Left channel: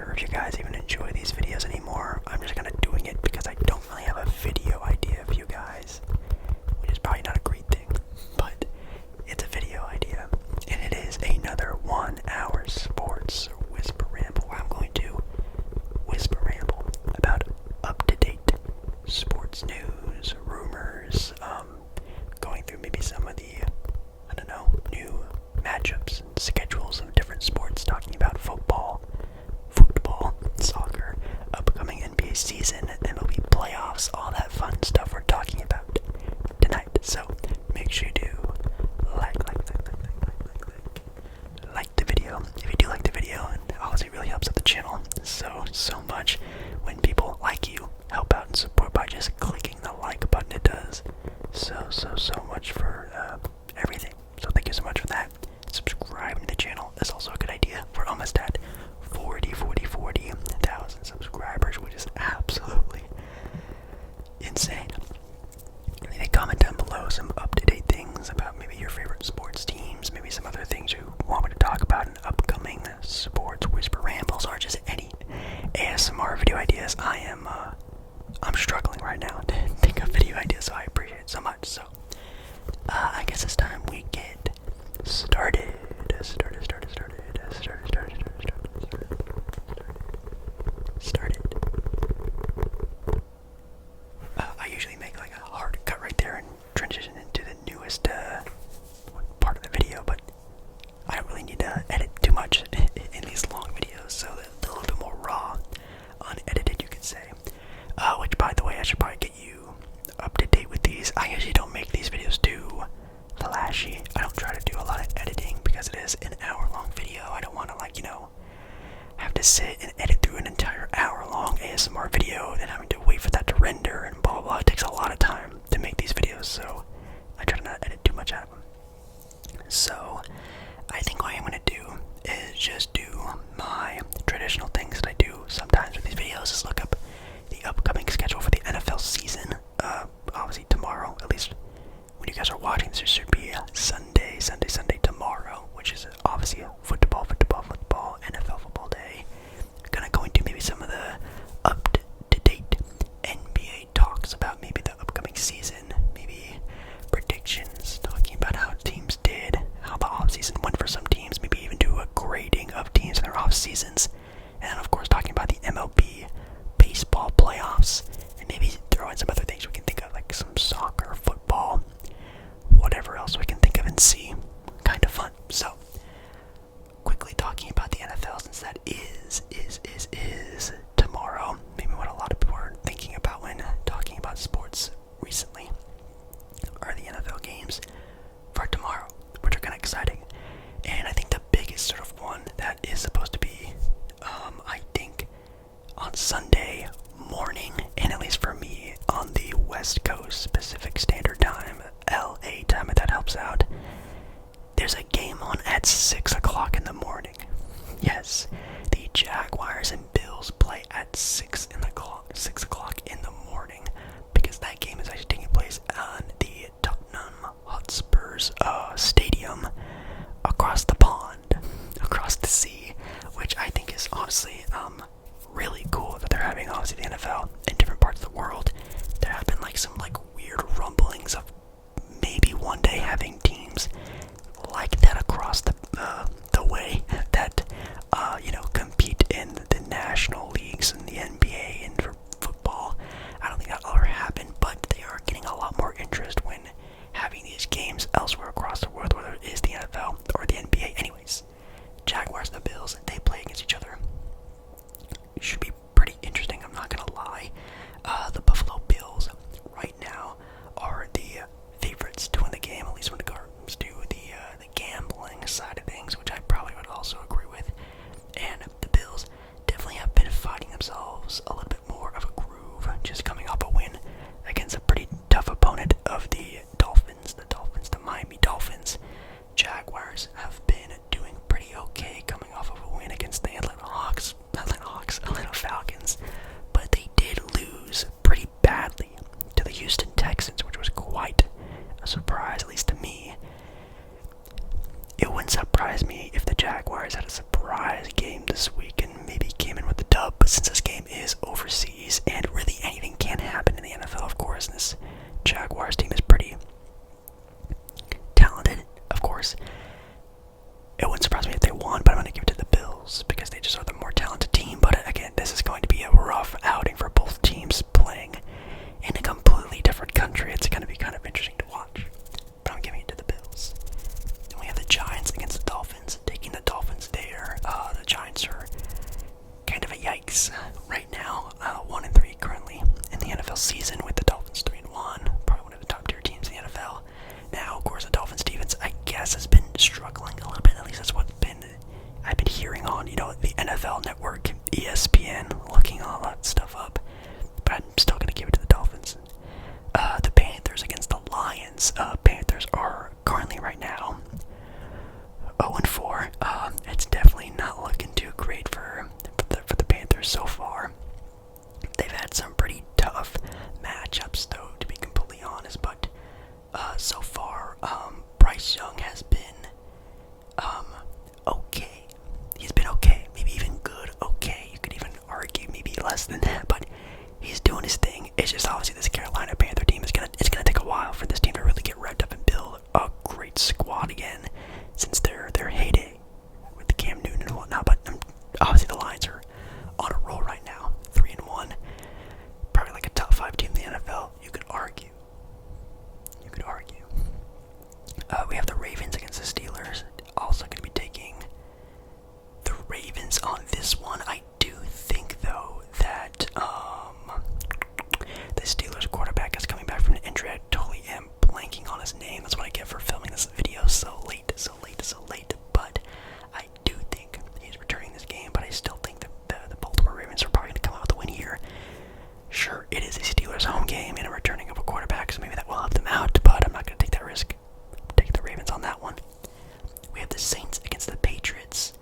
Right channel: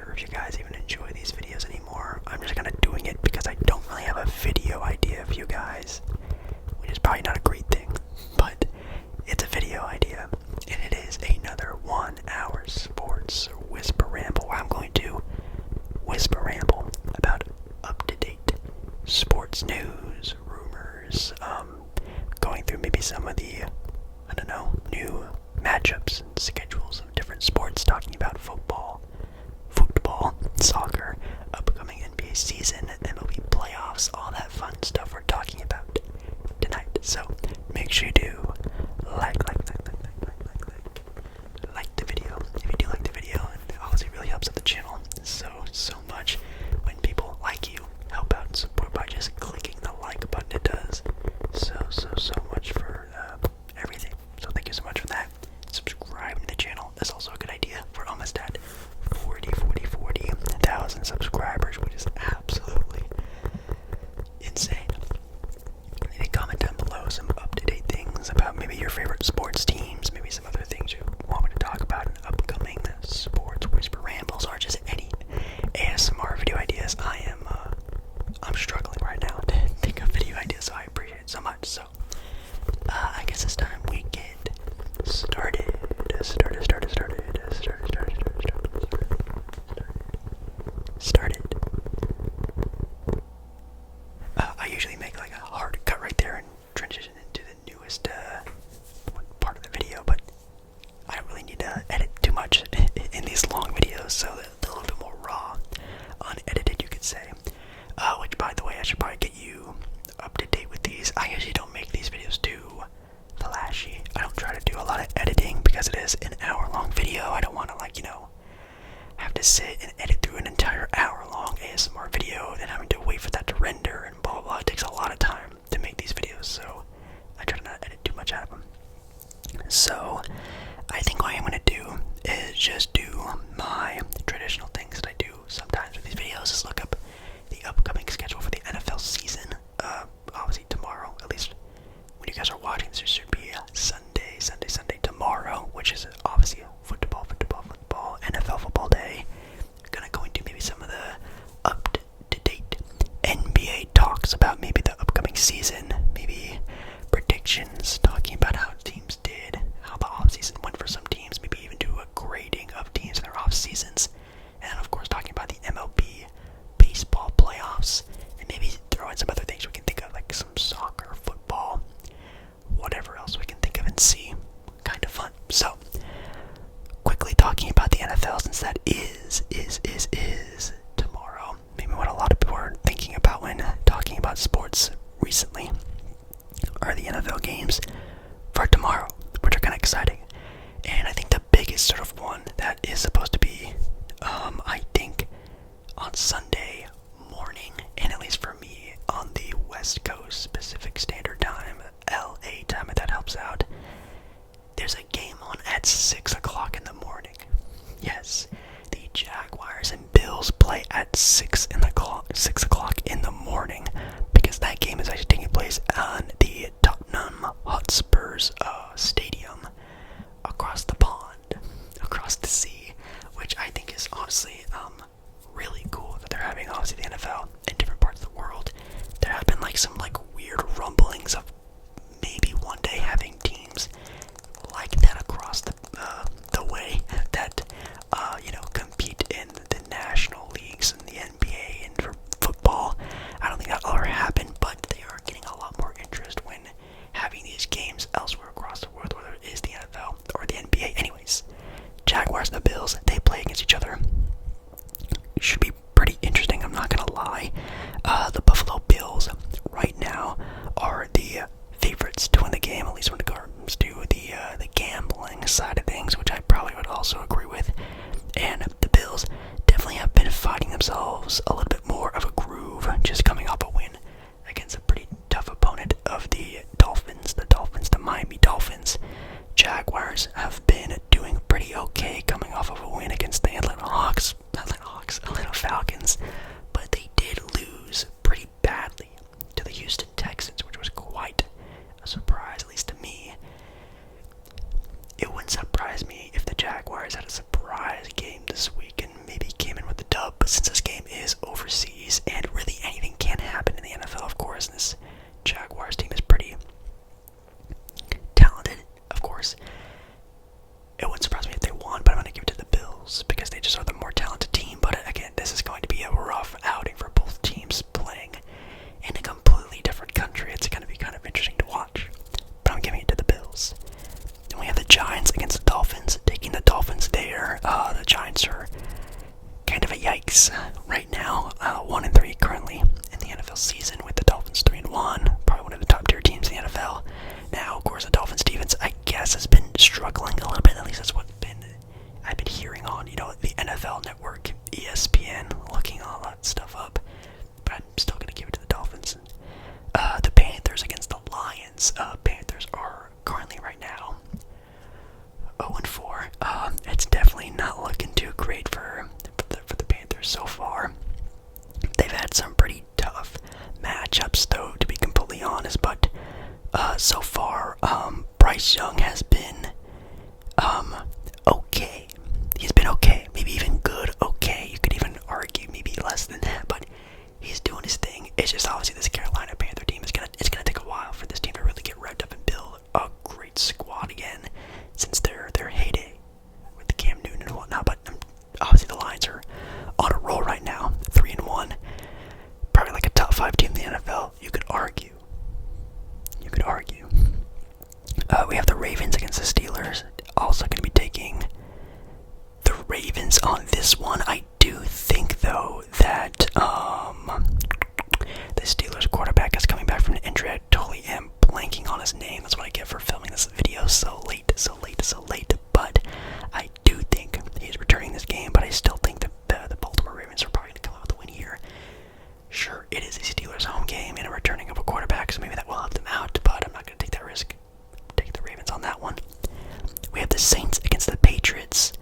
sure if you guys even enjoy these videos anymore. I'm just kind of doing it because I don't really have a video idea for you guys, which is probably not a great thing, but it's a video idea, and it is another 1 hour sports whisper ramble where I'm going to whisper ramble about up-to-date sports news, rumors, going through maybe some of the, new matchups and schedules of different sports, talking about football, soccer, upcoming NBA season, MLB playoffs, all that fun stuff we're talking about tonight. So make sure you do like the video. If you do like the video, it obviously really helps out the channel so much. When people like you, help out and support by just clicking the like button. It does so much for everything. So thank you so much for that. Subscribing to the channel is also a good idea. We're almost at 40,000 subscribers, which is absolutely insane. Leave a comment down below some up-to-date things about maybe your favorite sports teams, maybe some other things you want me to talk about in upcoming sports whisper rambles, or just any ASMR video ideas. I'm struggling right now to think of video ideas, so I appreciate it so much. So I guess it's time we get started. I usually make like a hard cut right there and transition into the newest part of the video, but I don't really need to edit too much in these long videos, so they're a little bit more raw, unedited, you could say. Which, by the way, I should probably get you up to date with these. I usually don't make these videos too flashy. I don't try to do a lot of editing because it is an hour-long video. I don't want to, have to sit and edit through an entire hour-long ASMR video and having to wait for that to render and blah, blah, blah. It takes a lot of time to make these videos, so I try to not edit too much out of them. So, I think what I'm going to do is just do my traditional things that I do sometimes with these videos, is look up the upcoming schedule for the NFL season. Obviously tomorrow, at least when you guys are watching this, there should be a Sunday tomorrow, which is obviously a football, NFL football day. Gonna go into maybe some of the up-to-date NBA talks about maybe the upcoming season, maybe predictions, talking about how teams did, how the offseason went for some teams, maybe even do a grading of teams in their off-seasons, and of course talking about the MLB baseball playoffs, and maybe throw in some other things we can think of, like some soccer, football, whatever else we can think of and see. Kind of fun. So, quickly talking about the NFL, since that is tomorrow. Maybe what a lot of people are thinking about when talking about sports recently are the NFL games for tomorrow, which are kind of exciting. And I think the biggest sort of one that is supposed to be, I think, on Sunday morning, and at least for me, on the West Coast Pacific Standard Time, LA time, if that helps out, there's a game on at 6 o'clock in the morning. Yes, the Jaguars and Bills play at 6 o'clock in the morning, because that game is actually taking place on the Tottenham Hotspur's stadium across the pond, across the sea, which I think is honestly really cool that they're having, obviously, the NFL in different parts of the world. There have been some weird rumblings of maybe one day having teams like that across the way that compete in the national leagues and the NBA and for football. I don't think that'll ever happen, but they are getting a lot more interest when having these games elsewhere across the world, whether it is the NFL or the NBA. Anyways, Jaguars and the Bills, they play against each other. It should be pretty interesting, I'm not gonna lie. The Buffalo Bills right now are the favorites to win the game, at least when it comes to the gambling side of things, which I probably would also agree with. And the Bills definitely have been finding themselves a little bit more of a groove, just coming off a win against a pretty tough opponent of the Dolphins, the Miami Dolphins. Jaguars have been doing pretty okay, coming off of a win against the Atlanta Falcons, but they did lose pretty badly to the Houston Texans, which was quite a surprise, at least to me. It wouldn't surprise me if the Jaguars had a surprise game this week and maybe came in with weeks right now, 1-3 currently in the NFL season, with the Dolphins 3-1, probably one of the top tier teams in the NFL. Now, of course, the Dolphins defense, I guess, has been struggling a little bit. At least that's what I've been hearing on, the NFL Network, ESPN, looking all that stuff up. But I'm still gonna give it to the Dolphins. The Panthers against the Lions. Panthers are currently right now 0-4. It's definitely not looking too great for the Panthers so far. They've had some pretty tough matchups, though, to be completely honest. But so far, Bryce Young has been okay. He's been okay, maybe even good. Okay, you could even argue maybe less than that, but he's doing his thing. It's just obviously this Carolina Panther team it's gonna take a while for this team to really get revved up and build a great squad again, since their heyday with the Cam Newton and whatnot. But obviously the Lions are on a roll right now, 3-1, probably like a top 5 team in the NFL. You could argue. We have the Ravens against the Steelers. Also going to be taking the Ravens on this one. I do think, though, that the Steelers quarterback is coming back from an injury. I totally am blanking on his name. That's what I get for filming this video so late. But I do think he's returning this game, but I still think that the Baltimore Ravens are probably going to come out with a win here. Sure, it is a Steelers home game and a returning of a quarterback, so maybe that will help them out, but I'm not going to take that risk. Take the Ravens on that one. We have the Saints against the Patriots.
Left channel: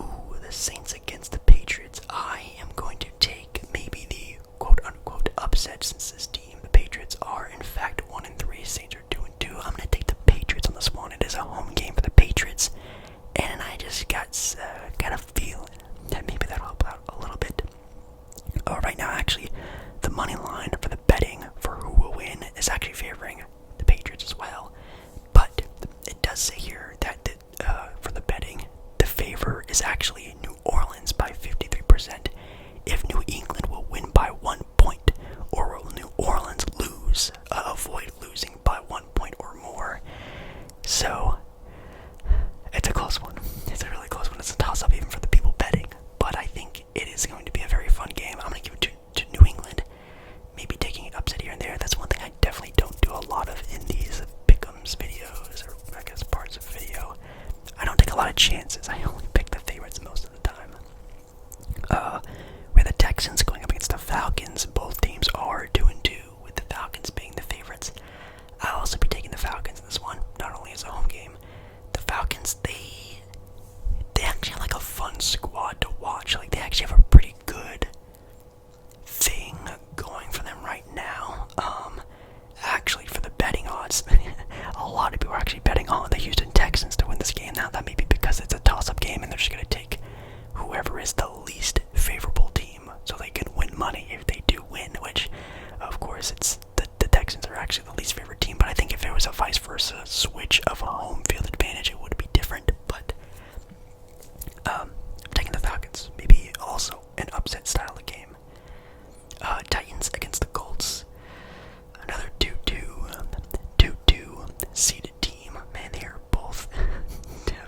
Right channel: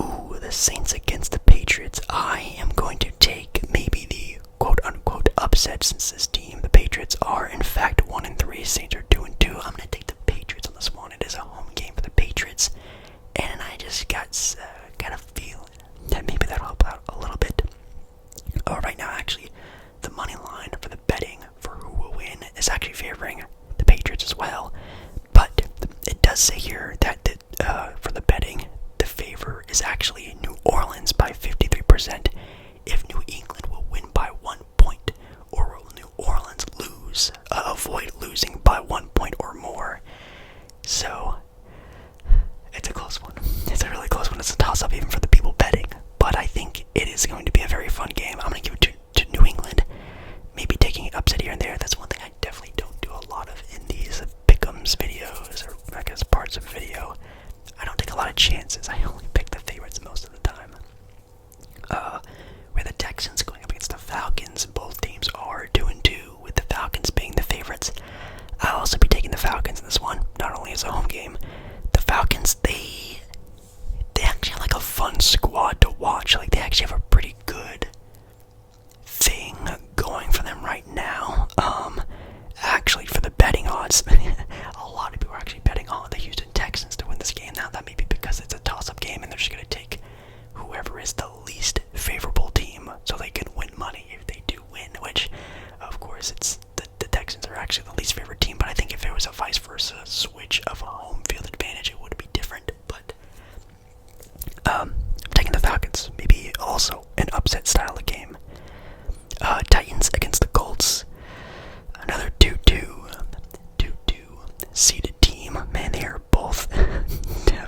Ooh, the Saints against the Patriots. I am going to take maybe the quote-unquote upset, since this team, the Patriots, are in fact 1-3. Saints are 2-2. I'm going to take the Patriots on this one. It is a home game for the Patriots, and I just got a feeling that maybe that'll help out a little bit. Right now, actually, the money line for the betting for who will win is actually favoring the Patriots as well. But it does say here that for the betting, the favor is actually New Orleans by 53%. If New England will win by 1 point, or will New Orleans lose, avoid losing by 1 point or more. So it's a close one. It's a really close one. It's a toss-up even for the people betting. But I think it is going to be a very fun game. I'm going to give it to New England. Maybe taking an upset here and there. That's one thing I definitely don't do a lot of in these pick'ems videos, or I guess parts of video. I don't take a lot of chances. I only pick the favorites most of the time. We have the Texans going up against the Falcons. Both teams are 2-2, with the Falcons being the favorites. I'll also be taking the Falcons in this one, not only as a home game. The Falcons, they actually have like a fun squad to watch. Like, they actually have a pretty good thing going for them right now. Actually, for the betting odds, a lot of people are actually betting on the Houston Texans to win this game. Now, that may be because it's a toss-up game and they're just going to take whoever is the least favorable team so they can win money if they do win, which, of course, it's the Texans are actually the least favorite team. But I think if it was a vice versa switch of a home field advantage, it would be different. But I'm taking the Falcons. Maybe also an upset style of game. Titans against the Colts. Another 2-2 seeded team. Man, they are both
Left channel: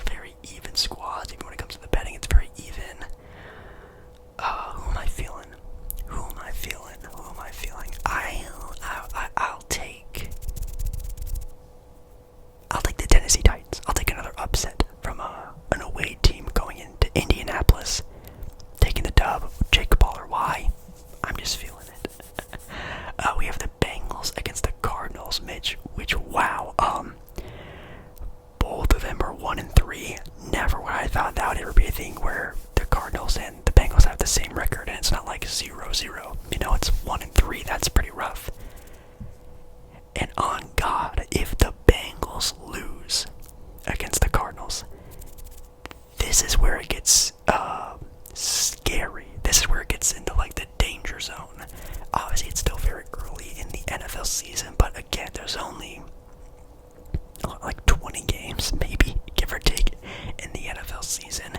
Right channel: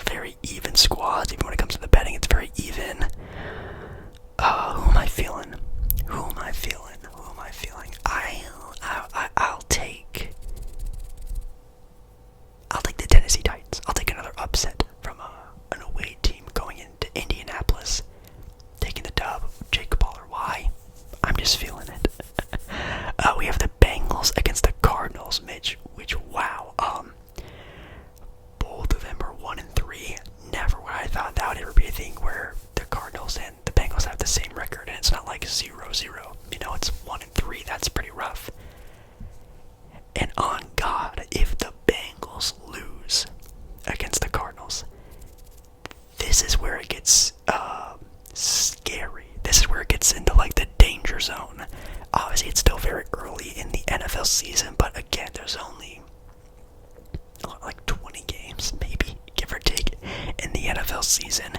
very even squads. Even when it comes to the betting, it's very even. Who am I feeling? I'll take the Tennessee Titans. I'll take another upset from an away team going into Indianapolis, taking the dub. Jake Baller. Why? I'm just feeling it. We have the Bengals against the Cardinals, which wow. Both of them are 1-3. Never would I thought that would ever be a thing where the Cardinals and the Bengals have the same record, and it's not like 0-0. It's 1-3. That's pretty rough. And on God, if the Bengals lose against the Cardinals, this is where it gets scary. This is where it gets into like the danger zone. Obviously, it's still very early in the NFL season, but again, there's only like 20 games, maybe, give or take, in the NFL season.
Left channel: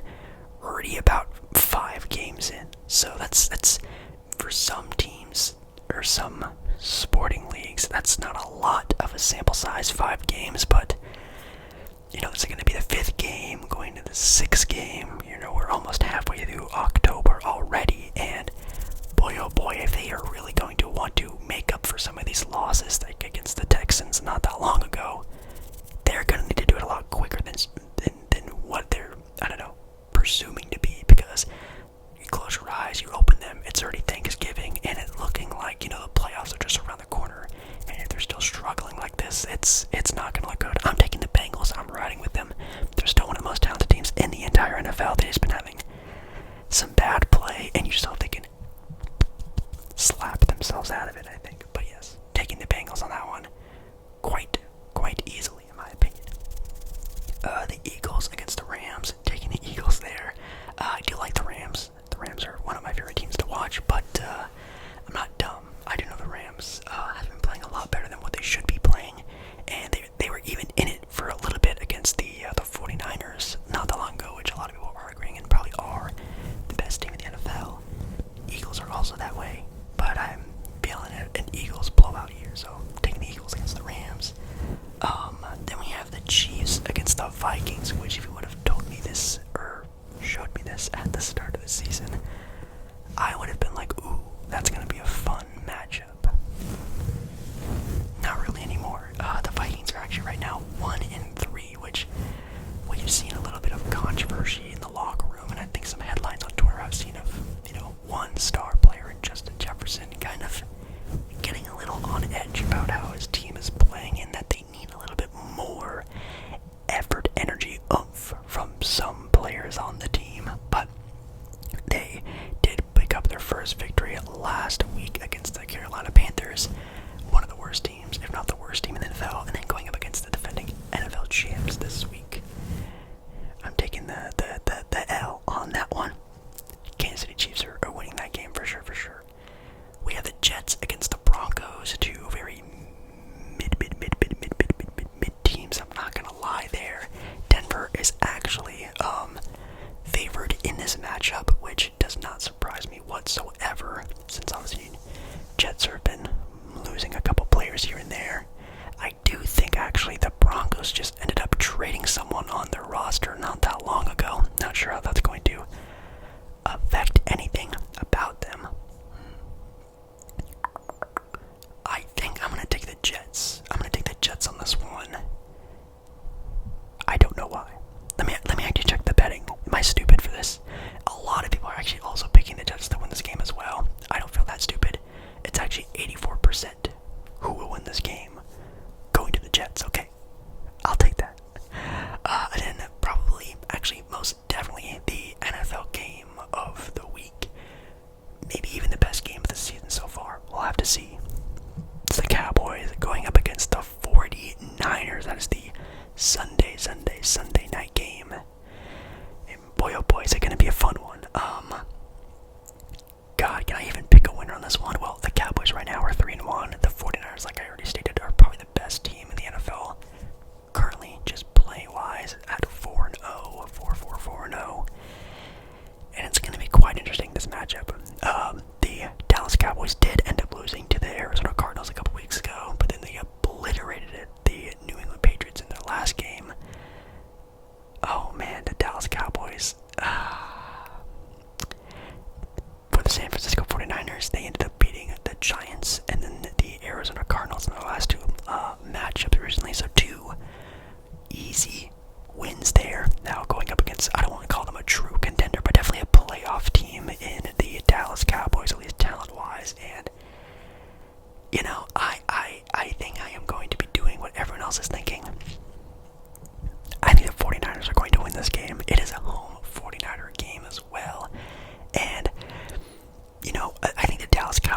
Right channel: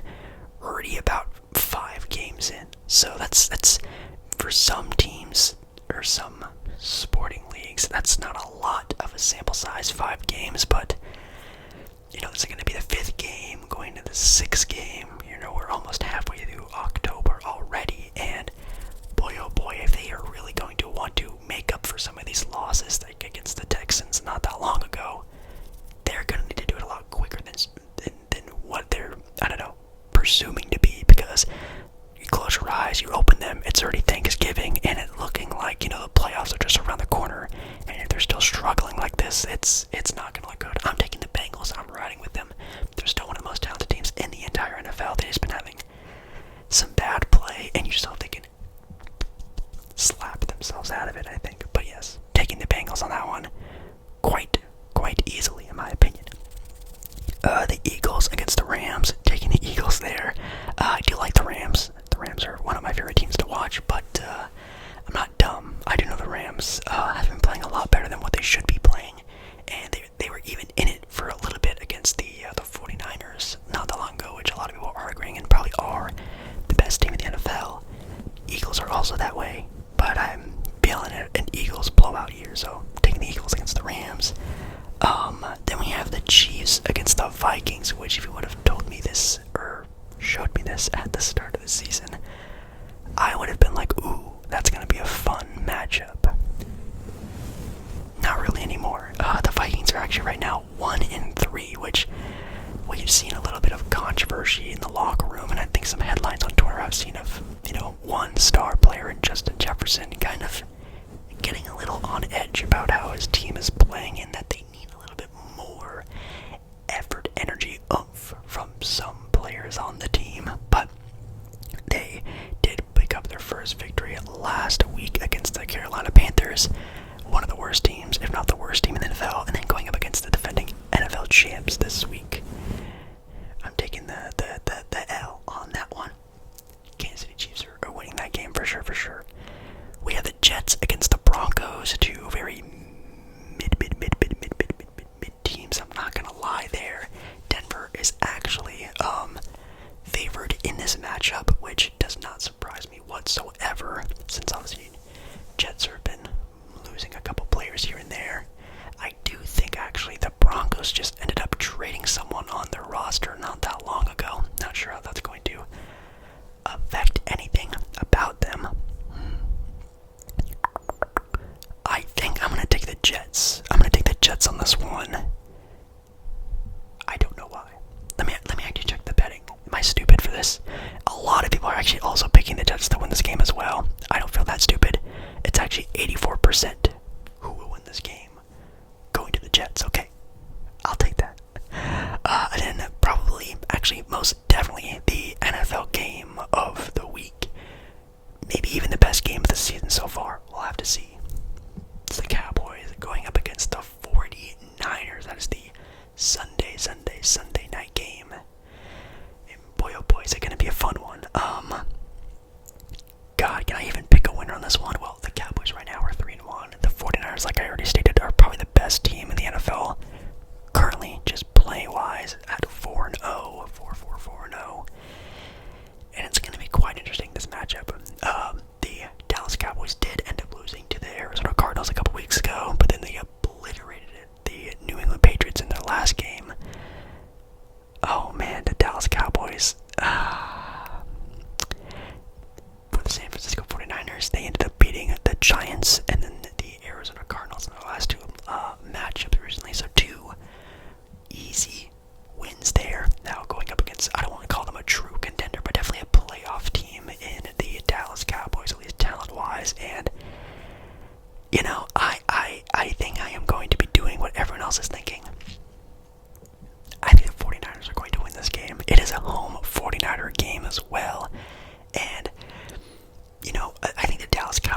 Already about 5 games in. So that's for some teams or some sporting leagues, that's not a lot of a sample size, 5 games, but this is going to be the 5th game, going to the 6th game. We're almost halfway through October already. eyes, you open them, it's already Thanksgiving, and it looking like, you know, the playoffs are just around the corner. And if they're still struggling like this, it's not going to look good. I'm taking the Bengals. I'm riding with them. They're still one of the most talented teams in the entire NFL. They've just been having some bad play, and you just hope they can slap themselves out of it, I think. But yes, taking the Bengals on that one quite easily, in my opinion. The Eagles against the Rams, taking the Eagles there. I do like the Rams. The Rams are one of my favorite teams to watch, but I'm not dumb. I do know the Rams have been playing a lot better than what they should be playing, and they were even in it for a little bit against the 49ers not that long ago, which a lot of people are arguing and probably are the best team in the NFL. Eagles are also that way, but I'm feeling an Eagles blowout here, so taking the Eagles against the Rams. Then we have the Chiefs against the Vikings, which if you would have told me this or showed me this at the start of the season, I would have been like, ooh, that's going to be a fun matchup. Not really anymore. The Vikings are actually right now 1-3, which we've seen a little bit of controversy in the locker room, and I think some headlines on Twitter I've seen of, you know, one star player in Justin Jefferson kind of getting a little on edge about how his team is playing and that they need a little bit more effort, energy, oomph from some players on the team. But they did pick up their first victory last week against the Carolina Panthers, one of the worst teams, if not the worst team in the NFL, and then going up against the defending NFL champs this week. I'm taking the L on that one. Kansas City Chiefs are winning that game for sure. We have the Jets against the Broncos, two very mid teams. I'm not gonna lie there. Denver is actually favored in this matchup, which does not surprise me whatsoever, since obviously Jets have been losing a couple players here and there. I do think actually the Broncos just ended up trading someone on their roster not that long ago. Not sure how that's going to affect anything about them. I think I'm going to take the Jets. I'm going to take the Jets on this one. I don't know why. Let me actually check the betting. Am I stupid for this? A lot of people are actually also picking the Jets to win this game as well. I don't feel that stupid. It's actually 84% who will win this game going to the Jets. Okay, I'll take that. And then probably, actually most definitely, the NFL game of the week. Maybe even the best game of the season so far. We'll have to see. It's the Cowboys going up against the 49ers. That is the Sunday night game. And boy, oh boy, is it going to be a fun one. God, can I even pick a winner on this one? Well, the Cowboys right now are 3-1. The 49ers, like I already stated, are probably the best team in the NFL currently, just play-wise, at 4-0, 4-4-4-0. And it's going to be quite interesting, this matchup. The Dallas Cowboys did end up losing to the Arizona Cardinals a couple weeks ago, but then they obliterated the New England Patriots in their last game. Oh man, the Dallas Cowboys. For the San Francisco 49ers, they ended up beating the Giants and then the Arizona Cardinals in their last two matchups recently. So two easy wins there. Now going up against, I don't want to call them a true contender, but definitely a playoff team in the Dallas Cowboys, at least talent-wise. And, you know, I think I am going to be doing what everyone else is thinking. I think the 49ers are going to win this game. It is a home 49er game as well. And, you know, I think the Dallas Cowboys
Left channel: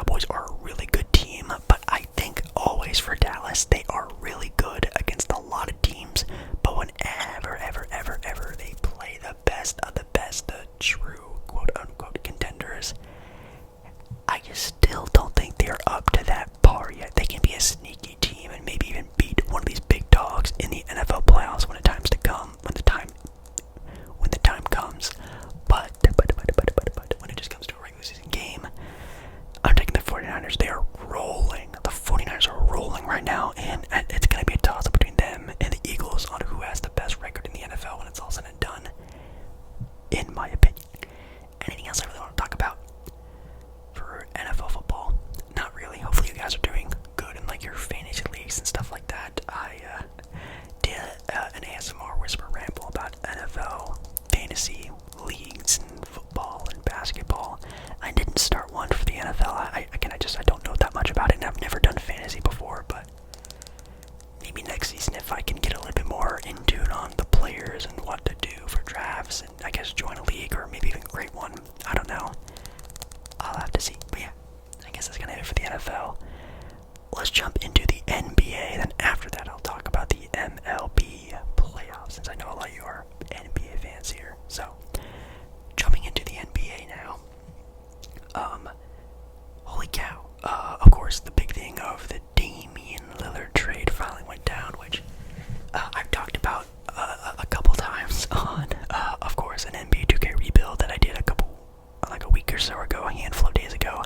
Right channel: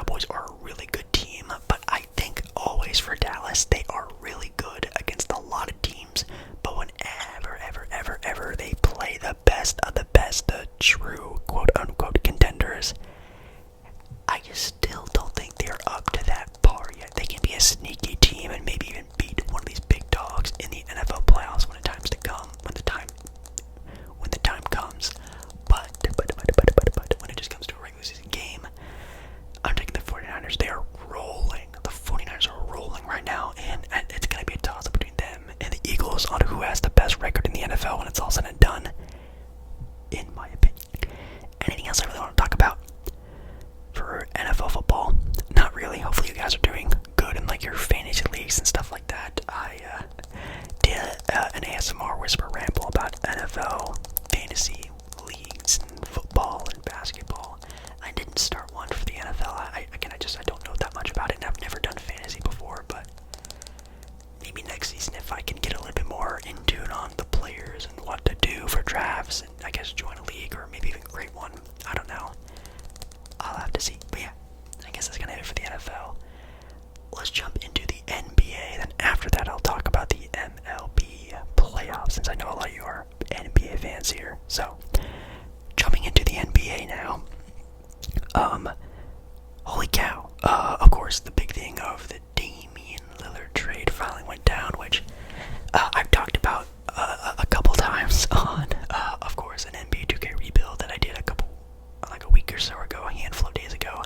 so ago, a handful of days ago,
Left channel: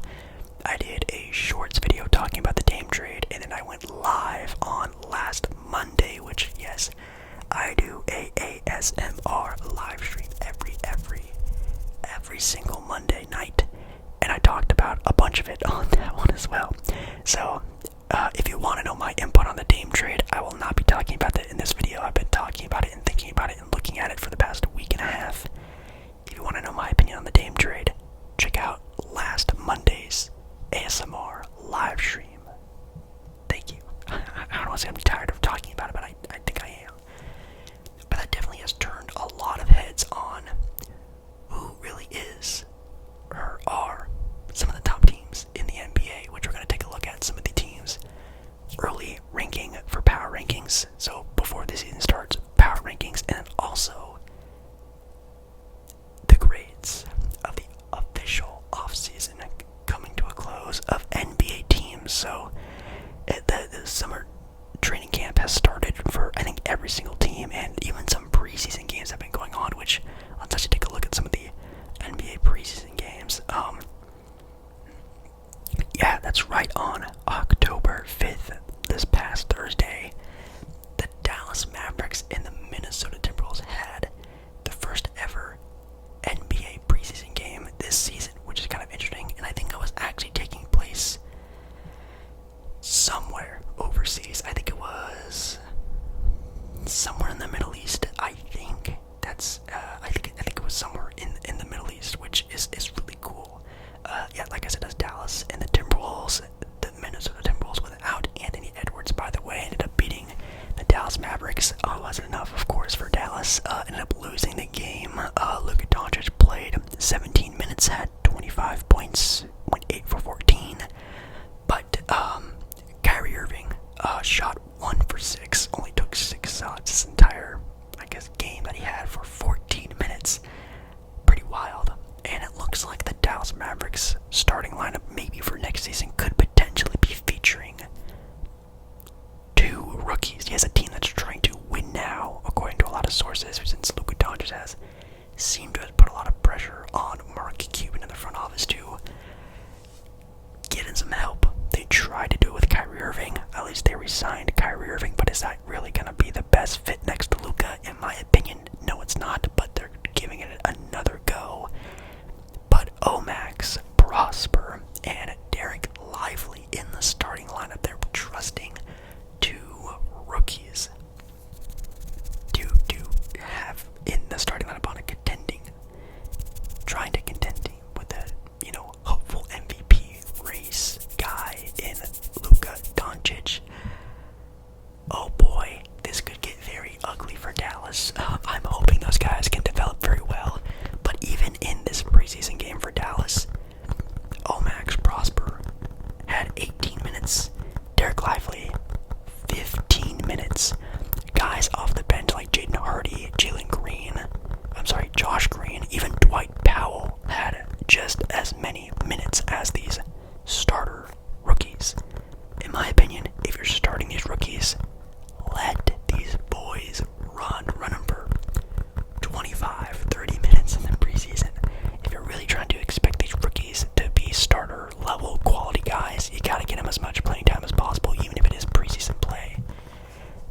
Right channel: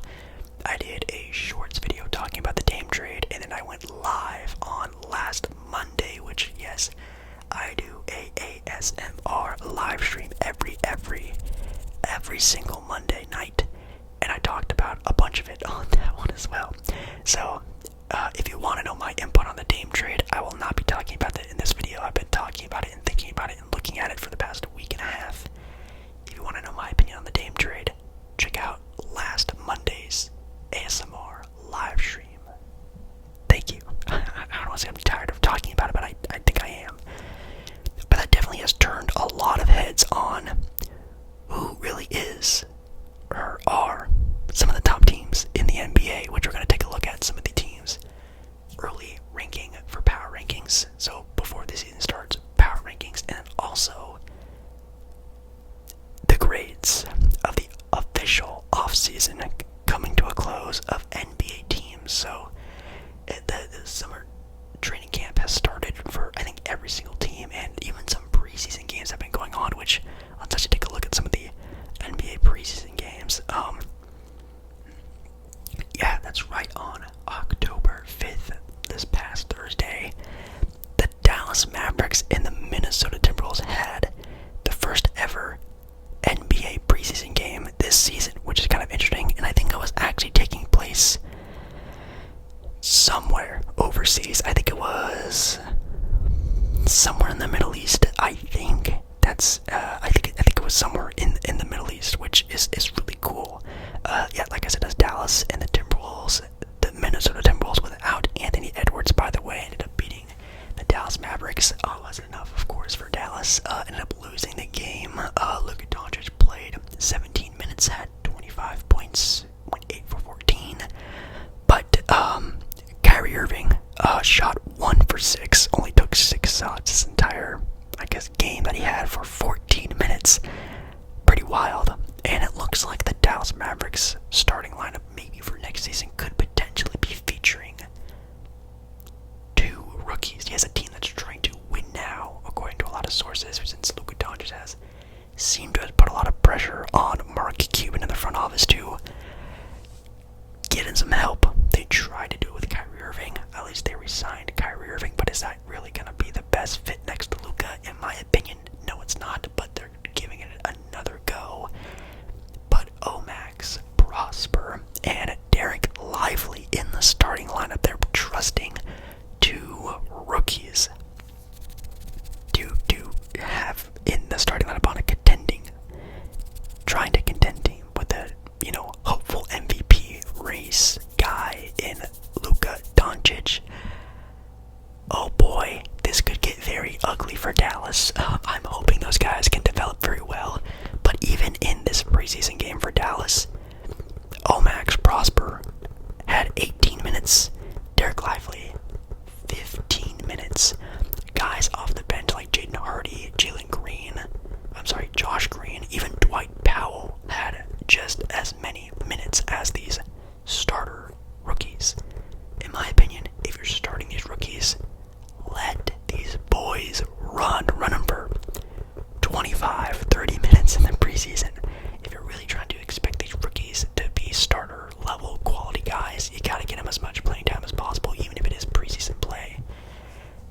I did a shorts video talking about the Dame trade, and then I went live on last Monday, which, yes, I do a ASMR live stream every single Monday night, and I talked about a bunch of it on that one as well. So, if you want to know my input on the Dame trade, I will not be talking about that in this video. I've been talking about it and thinking about it and looking at it for the past week and a half. If you want to know my opinion on the Dame trade, check out last Monday's ASMR live stream. Thank you. I don't want to say I'm tired of talking about it, but I think I am. But that definitely has turned a lot of heads on who really is or are some of the top teams in the NBA, which we're going to take a look at some of the teams' early ranking for power rankings. So before the season starts, power rankings, and also the grades of the official offseason coming to a close of NBA teams. So the summer training camp has started for, I think, every single team, and even some preseason games have been going on, which let's actually take a look at some of the NBA preseason games. Yeah, that's right, on October 5th, this past Thursday, the Dallas Mavericks and the Minnesota Timberwolves had the first ever NBA preseason game this season, which is kind of interesting, and I think it was actually taking place somewhere overseas. I think it was somewhere in the Middle East. I think it was somewhere in the Middle East, which is really cool. Yeah, like I said, it's Dallas and the Timberwolves. The Minnesota Timberwolves, without Anthony Edwards, by the way, ended up beating the Dallas Mavericks. Wasn't enough, of course, for Dallas. Ended up losing the game. Luka Doncic played 17 minutes, had 25 points, went 8 for 14. But Kyrie Irving shot 1 for 6, only took 6 shots this entire, I guess, game that he had for 14 minutes. Pretty wild. And it looks like the Dallas Mavericks starting lineup, maybe for next season, could potentially be featuring 2 rookies. He has a team that's trying to win now, according to a lot of sources, since Luka Doncic has seemed to have put a lot of pressure on Mark Cuban in the front office to get in some help. They tried to do it with Kyrie Irving. At least they re-signed Kyrie Irving, but is that really going to be the best fit next to Luka? In my opinion, no, it's not, but they're giving it another go. But Omax, Prosper, and Derek Lively in the starting lineup, they're trusting 2 rookies to have in the starting lineup on a trying to contend team with a, hopeful MVP race guy in Luka Doncic. Oh boy, this could get very ugly for Dallas. I'm hoping those guys can develop very well, but even in this preseason game for Dallas, Omax Prosper had 18 minutes, Derek Lively 15 minutes. Guys off the bench like Jaden Hardy, Josh Green, even Dwight Powell had just as many minutes as these starter rookies. In my opinion, if you're starting these rookies, let these boys run them for 25, 30 minutes in the preseason. If you're really trying to expect these rookies to be starter level quality guys, you gotta get them as much playing time as possible, even if it is preseason play.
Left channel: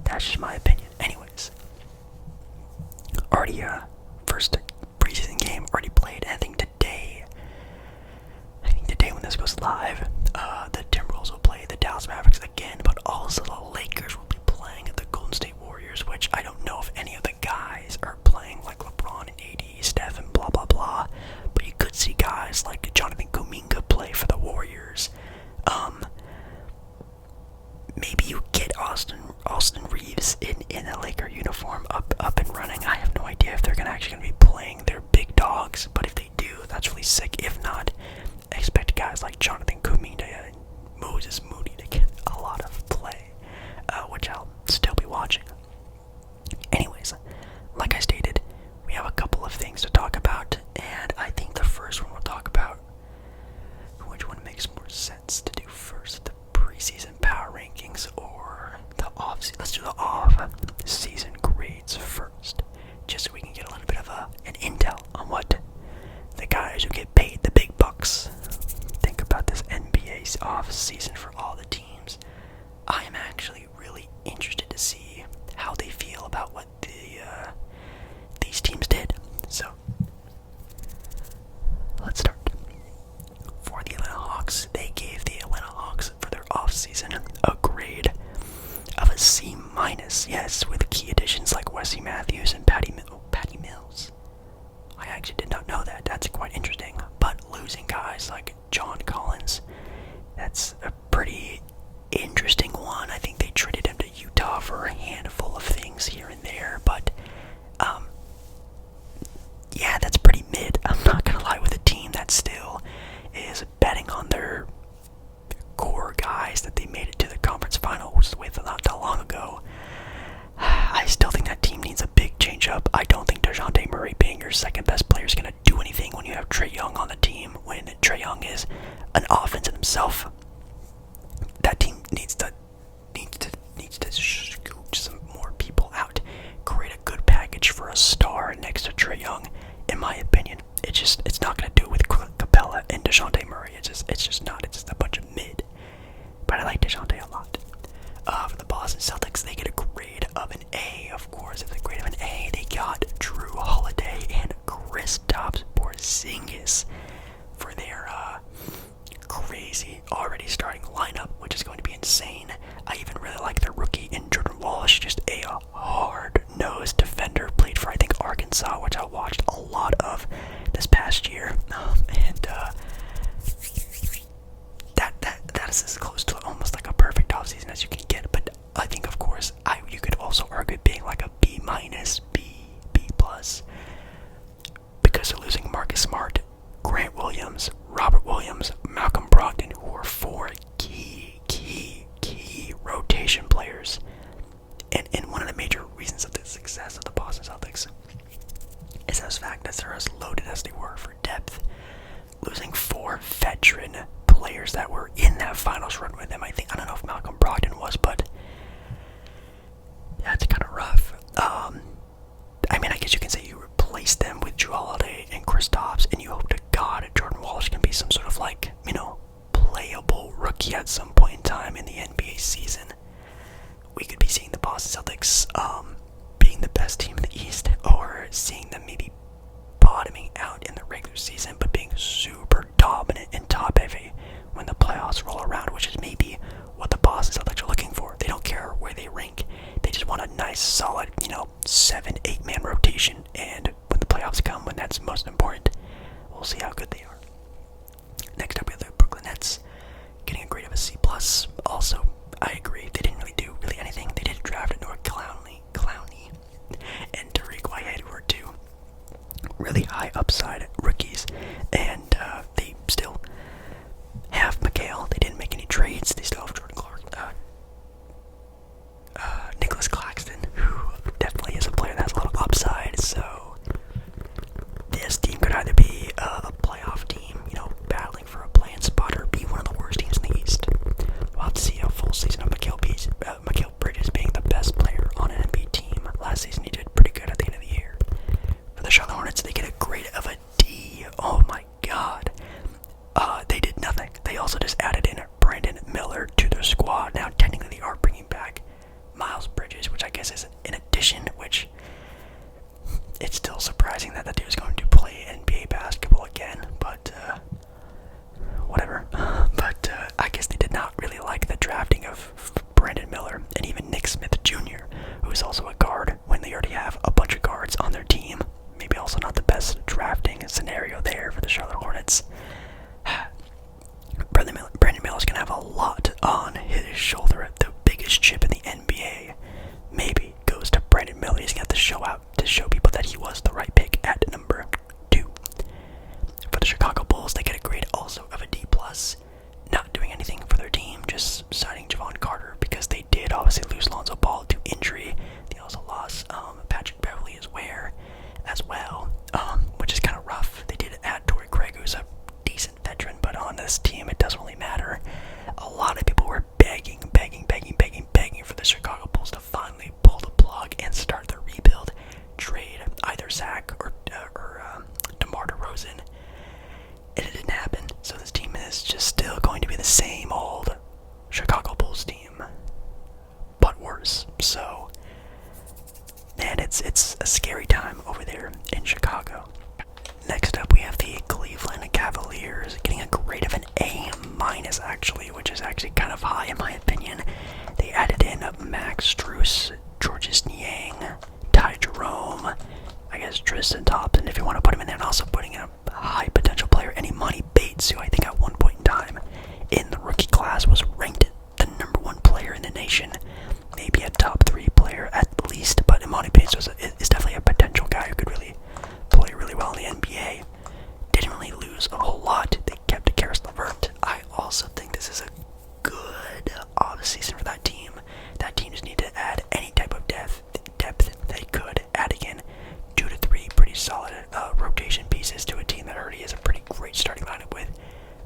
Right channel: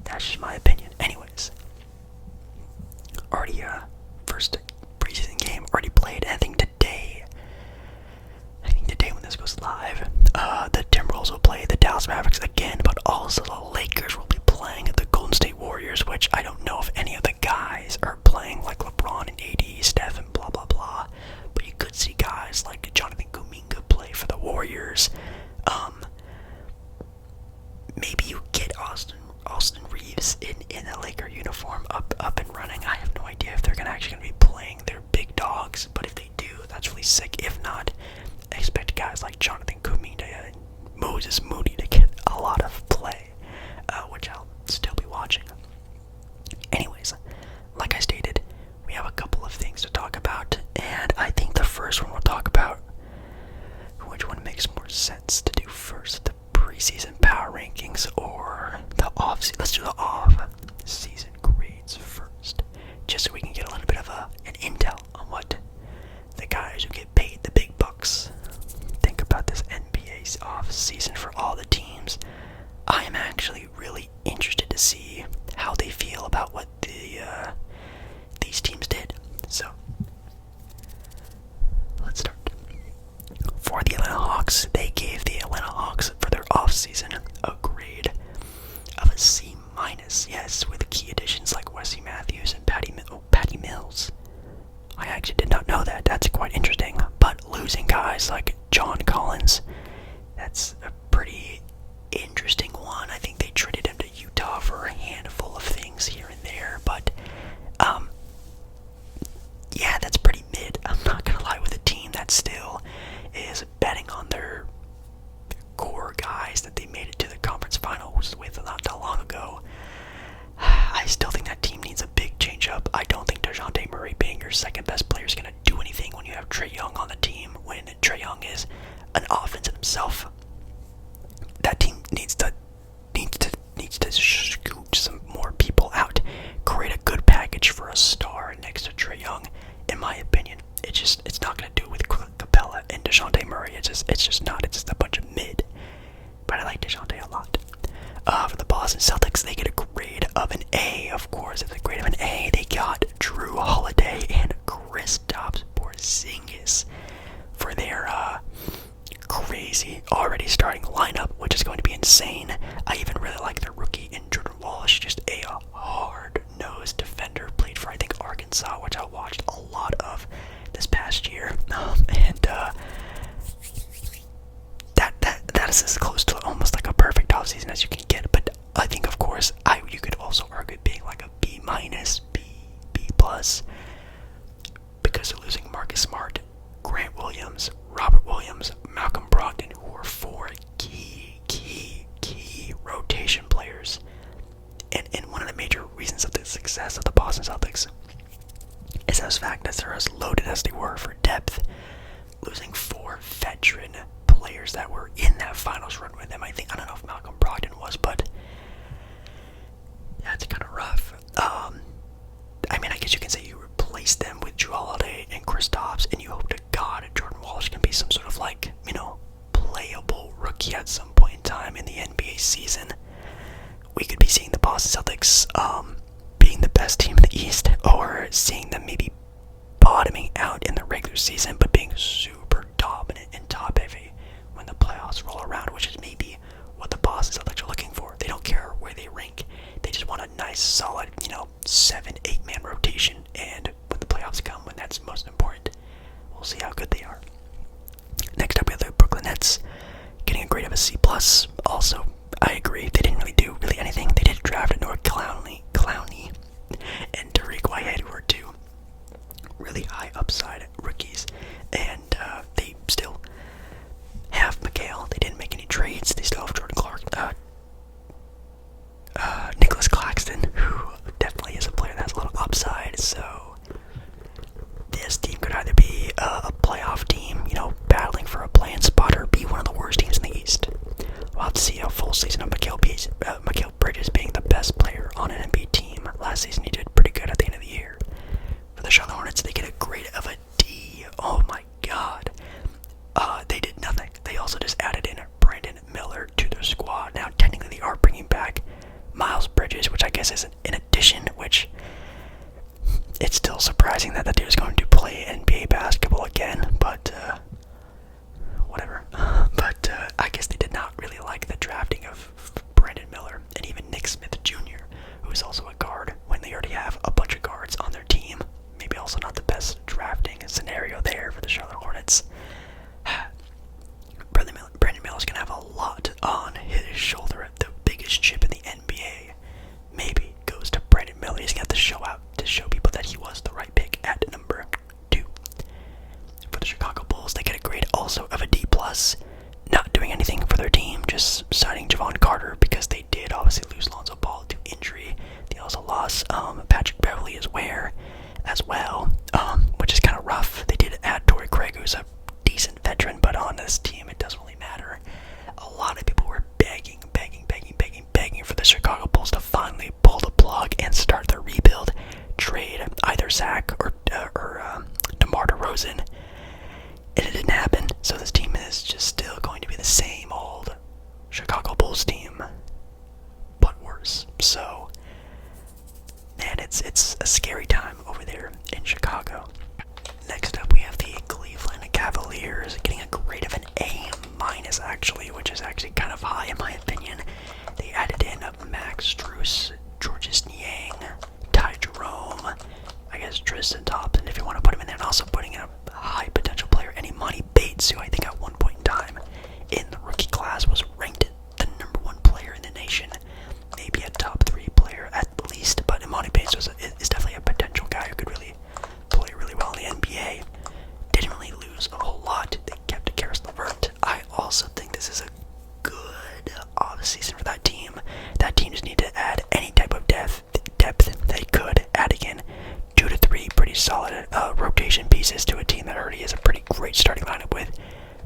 That's just my opinion. Anyways, already first preseason game already played. I think today when this goes live, the Timberwolves will play the Dallas Mavericks again, but also the Lakers will be playing the Golden State Warriors, which I don't know if any of the guys are playing, like LeBron and AD, Steph, and blah blah blah. But you could see guys like Jonathan Kuminga play for the Warriors. Maybe you get Austin Reeves in a Laker uniform up and running. I have no idea if they're actually going to be playing their big dogs, but if they do, that's really sick. If not, expect guys like Jonathan Kuminga and Moses Moody to get a lot of play, which I'll still be watching. Anyways, like I stated, we have a couple of things to talk about, and I think the first one we'll talk about, which one makes more sense to do first? off season for all the teams. I am actually really interested to see how they feel about what these teams did. So, let's start. For the Atlanta Hawks, they gave the Atlanta Hawks for their offseason a grade of a C-. Yes, with key additions like Wesley Matthews and Patty Mills. I actually did not know that. That's quite interesting. But losing guys like John Collins, that's a pretty interesting one. I think they traded him to Utah for a handful of things here and there, but yeah, that's pretty mid. I'm not gonna lie, with a team that still is betting on their core guys that they made it to the conference finals with not that long ago. I still think that team needs a big change up. I don't think DeJounte Murray being your second best player is going to do anything when you have Trae Young on the team, when Trae Young is an offense in himself. That team needs to scoot some more people out, create a good package for a star next to Trae Young, in my opinion. It's not going to do it with Capella and DeJounte Murray. It's just not. It's just a bunch of mid. But I like DeJounte a lot. For the Boston Celtics, they get a grade of an A. Of course, it's a grade of an A. They got Drew Holiday and Kristaps Porzingis for their crazy already starting lineup, which is going to be insane. I even really like their rookie in Jordan Walsh, just a hard-nosed defender. Played for, I think, Arkansas, which I watched a lot of this past year, and that is as close to almost like a perfect offseason as you can get. But I think, of course, you could also argue it being like a B-, B+, because they're losing Marcus Smart, Grant Williams, Robert Williams, Malcolm Brogdon, who are four key rotation players. And one of the major reasons of the success of the Boston Celtics is the fact that they're as loaded as they were for depth, losing four veteran players that were in that finals run with them. I don't know if Malcolm Brogdon was, but that's kind of rough. I guess you can say you replaced them with Drew Holiday and Kristaps, and you hope to God Jordan Walsh can be some sort of playable rookie at some point in time in the NBA season. We could be seeing the Boston Celtics being the best team in the East, or seeing them maybe bottoming out in the regular season, but being super dominant and top heavy when the playoffs roll around, which is maybe what the Boston Celtics are looking for. They don't care where they rank. They just want a nice, solid, 7-8 man rotation, and when the playoffs come, when that's most important, we'll see how good they are. Next up, we have the Brooklyn Nets, getting a grade of a C+. Also, I agree, they didn't really do anything. They did draft Noah Clowney, and Tariq Whitehead, who are two really high upside rookies, and they still have McHale. They didn't make any trades. They still have Jordan Clark, Nicholas Claxton, who definitely is a player that has a lot of upside. So this team could either be a playoff team, battling for a play-in spot, or be one of the worst teams in the East. We'll have to see a full season of Mikal Bridges being the best player on an NBA team. Last season he did pretty good at the end of the year. For the Charlotte Hornets, they get a grade of a D. Oh my god. They did nothing. They also just added in Brandon Miller to their squad. Now, technically, they are bringing back Miles Bridges, which I guess is an addition, which it's still surprising that dude is going to play NBA basketball again, but whatever. But I guess they did not really like the drafting of Brandon Miller and even Nick Smith Jr., who is also a guard when they already have a bunch of guards on their team. Maybe also not the best drafting scenario there for the Charlotte Hornets. Brandon Miller's going to have a lot on his shoulder. The biggest chip in the NBA maybe goes to Brandon Miller. He's going to have to show people that he was the right pick at number 2. For the Chicago Bulls, they get a grade also of a D+. Not doing anything for their team, just signing Javon Carter because they did obviously lose Lonzo Ball to injury. They also lost Patrick Beverley as well, which is kind of rough. They did add Torrey Craig, who's a decent veteran, but on this team it doesn't really matter. A lot of people were begging for the Chicago Bulls to finally pull the plug and start their rebuild, trade either Zach or DeMar DeRozan, and it didn't happen. So this team is just still going to be the same old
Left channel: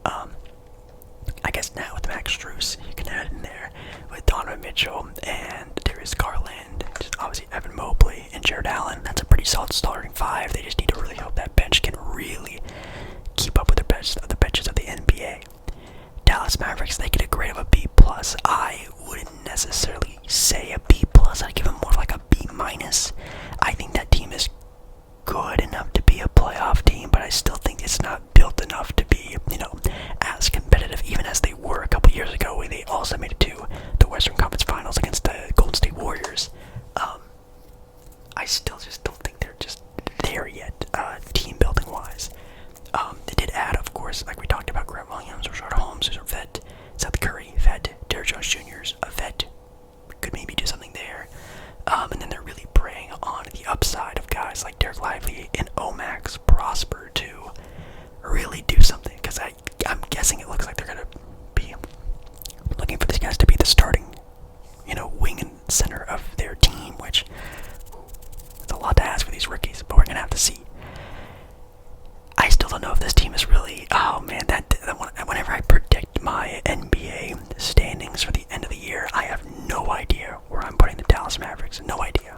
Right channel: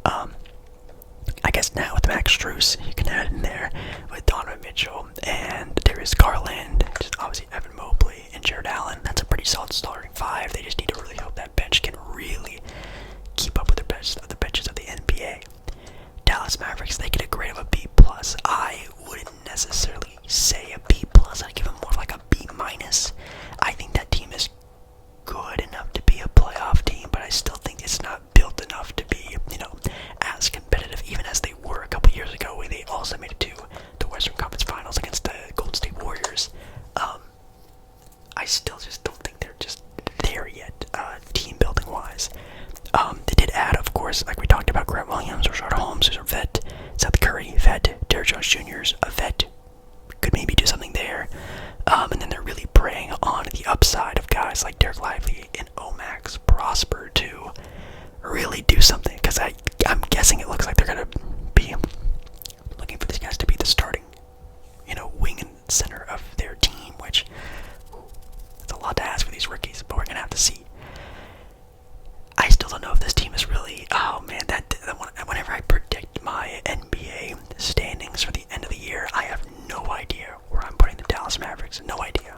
I guess now with Max Strus, you can add in there with Donovan Mitchell and Darius Garland, just obviously Evan Mobley and Jared Allen. That's a pretty solid starting five. They just need to really hope that bench can really keep up with the benches of the NBA. Dallas Mavericks, they get a grade of a B+. I wouldn't necessarily say a B+. I'd give them more of like a B-. I think that team is good enough to be a playoff team, but I still think it's not built enough to be, as competitive even as they were a couple years ago, where they also made it to the Western Conference Finals against the Golden State Warriors. I still just don't think they're just there yet, team building wise. They did add, of course, like we talked about, Grant Williams, Rashard Holmes, who's a vet, Seth Curry, vet, Derrick Jones Jr.'s a vet, could maybe do something there. And then they're really preying on the upside of guys like Derek Lively and Omax Prosper to really do something, because I'm guessing it looks like they're going to be looking for these guys to be the starting, wing and center of their team, which it's a lot to ask for these rookies, but we're going to have to see. I still don't know if this team is really, whenever I predict my NBA standings for the end of the year, I have no idea where I'm putting the Dallas Mavericks, no idea.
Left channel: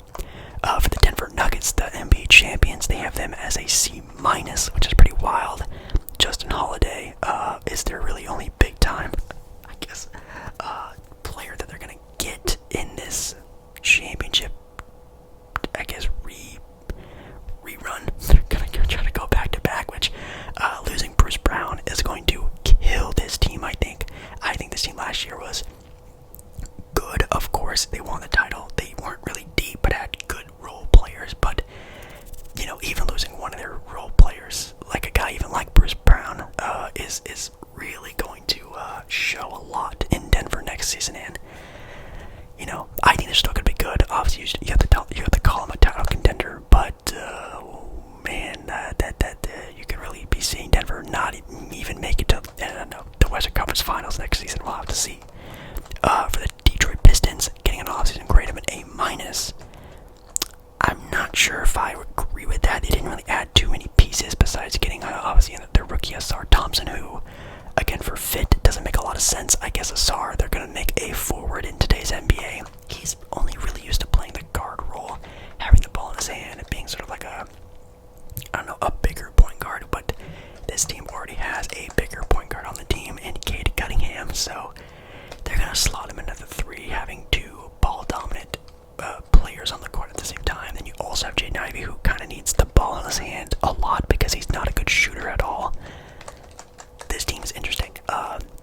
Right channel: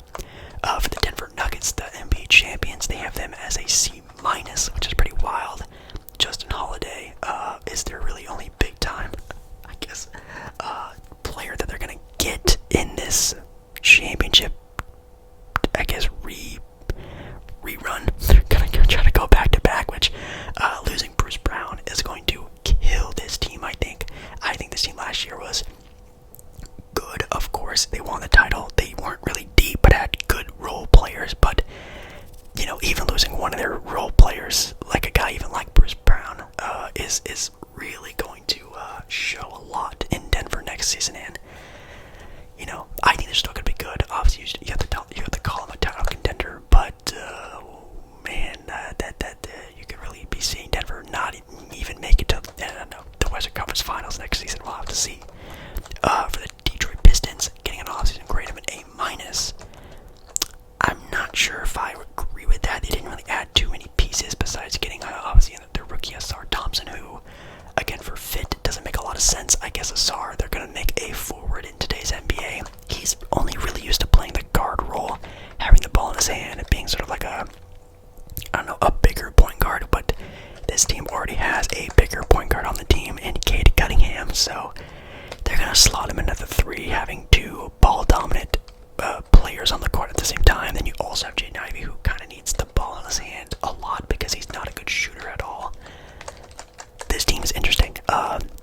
For the Denver Nuggets, the NBA champions, they have them as a C-, which is pretty wild. Justin Holiday is their really only big time, I guess, player that they're going to get in this championship, I guess, rerun. They're going to try to go back-to-back, which losing Bruce Brown is going to kill this team, I think. I think this team last year was good, of course. They won the title. They weren't really deep, but had good role players. But, even losing one of their role players, like a guy even like Bruce Brown, is really going to show a lot in Denver next season. And, I think they're still going to be good. Obviously, you have to call them a title contender, but, you could really be seeing Denver not even make it to, the Western Conference Finals next season. We'll have to see. For the Detroit Pistons, getting an offseason grade of an A-. I'm not sure if I agree with that. They didn't really add too many pieces besides getting, obviously, their rookie Asar Thompson, who, again, for fit, doesn't make a lot of sense. I guess Asar, they're going to make a forward in today's NBA. He's only really used to playing the guard role, having the ball in his hand, and being sort of like a bigger point guard, but this team already has a bigger point guard on the team in Cade Cunningham, so they're going to slot him into the three, having two ball-dominant players on the court at the same time. Then you also have Jaden Ivey, who kind of needs the ball in his hand a lot because he's not a good shooter at all. This team is interesting.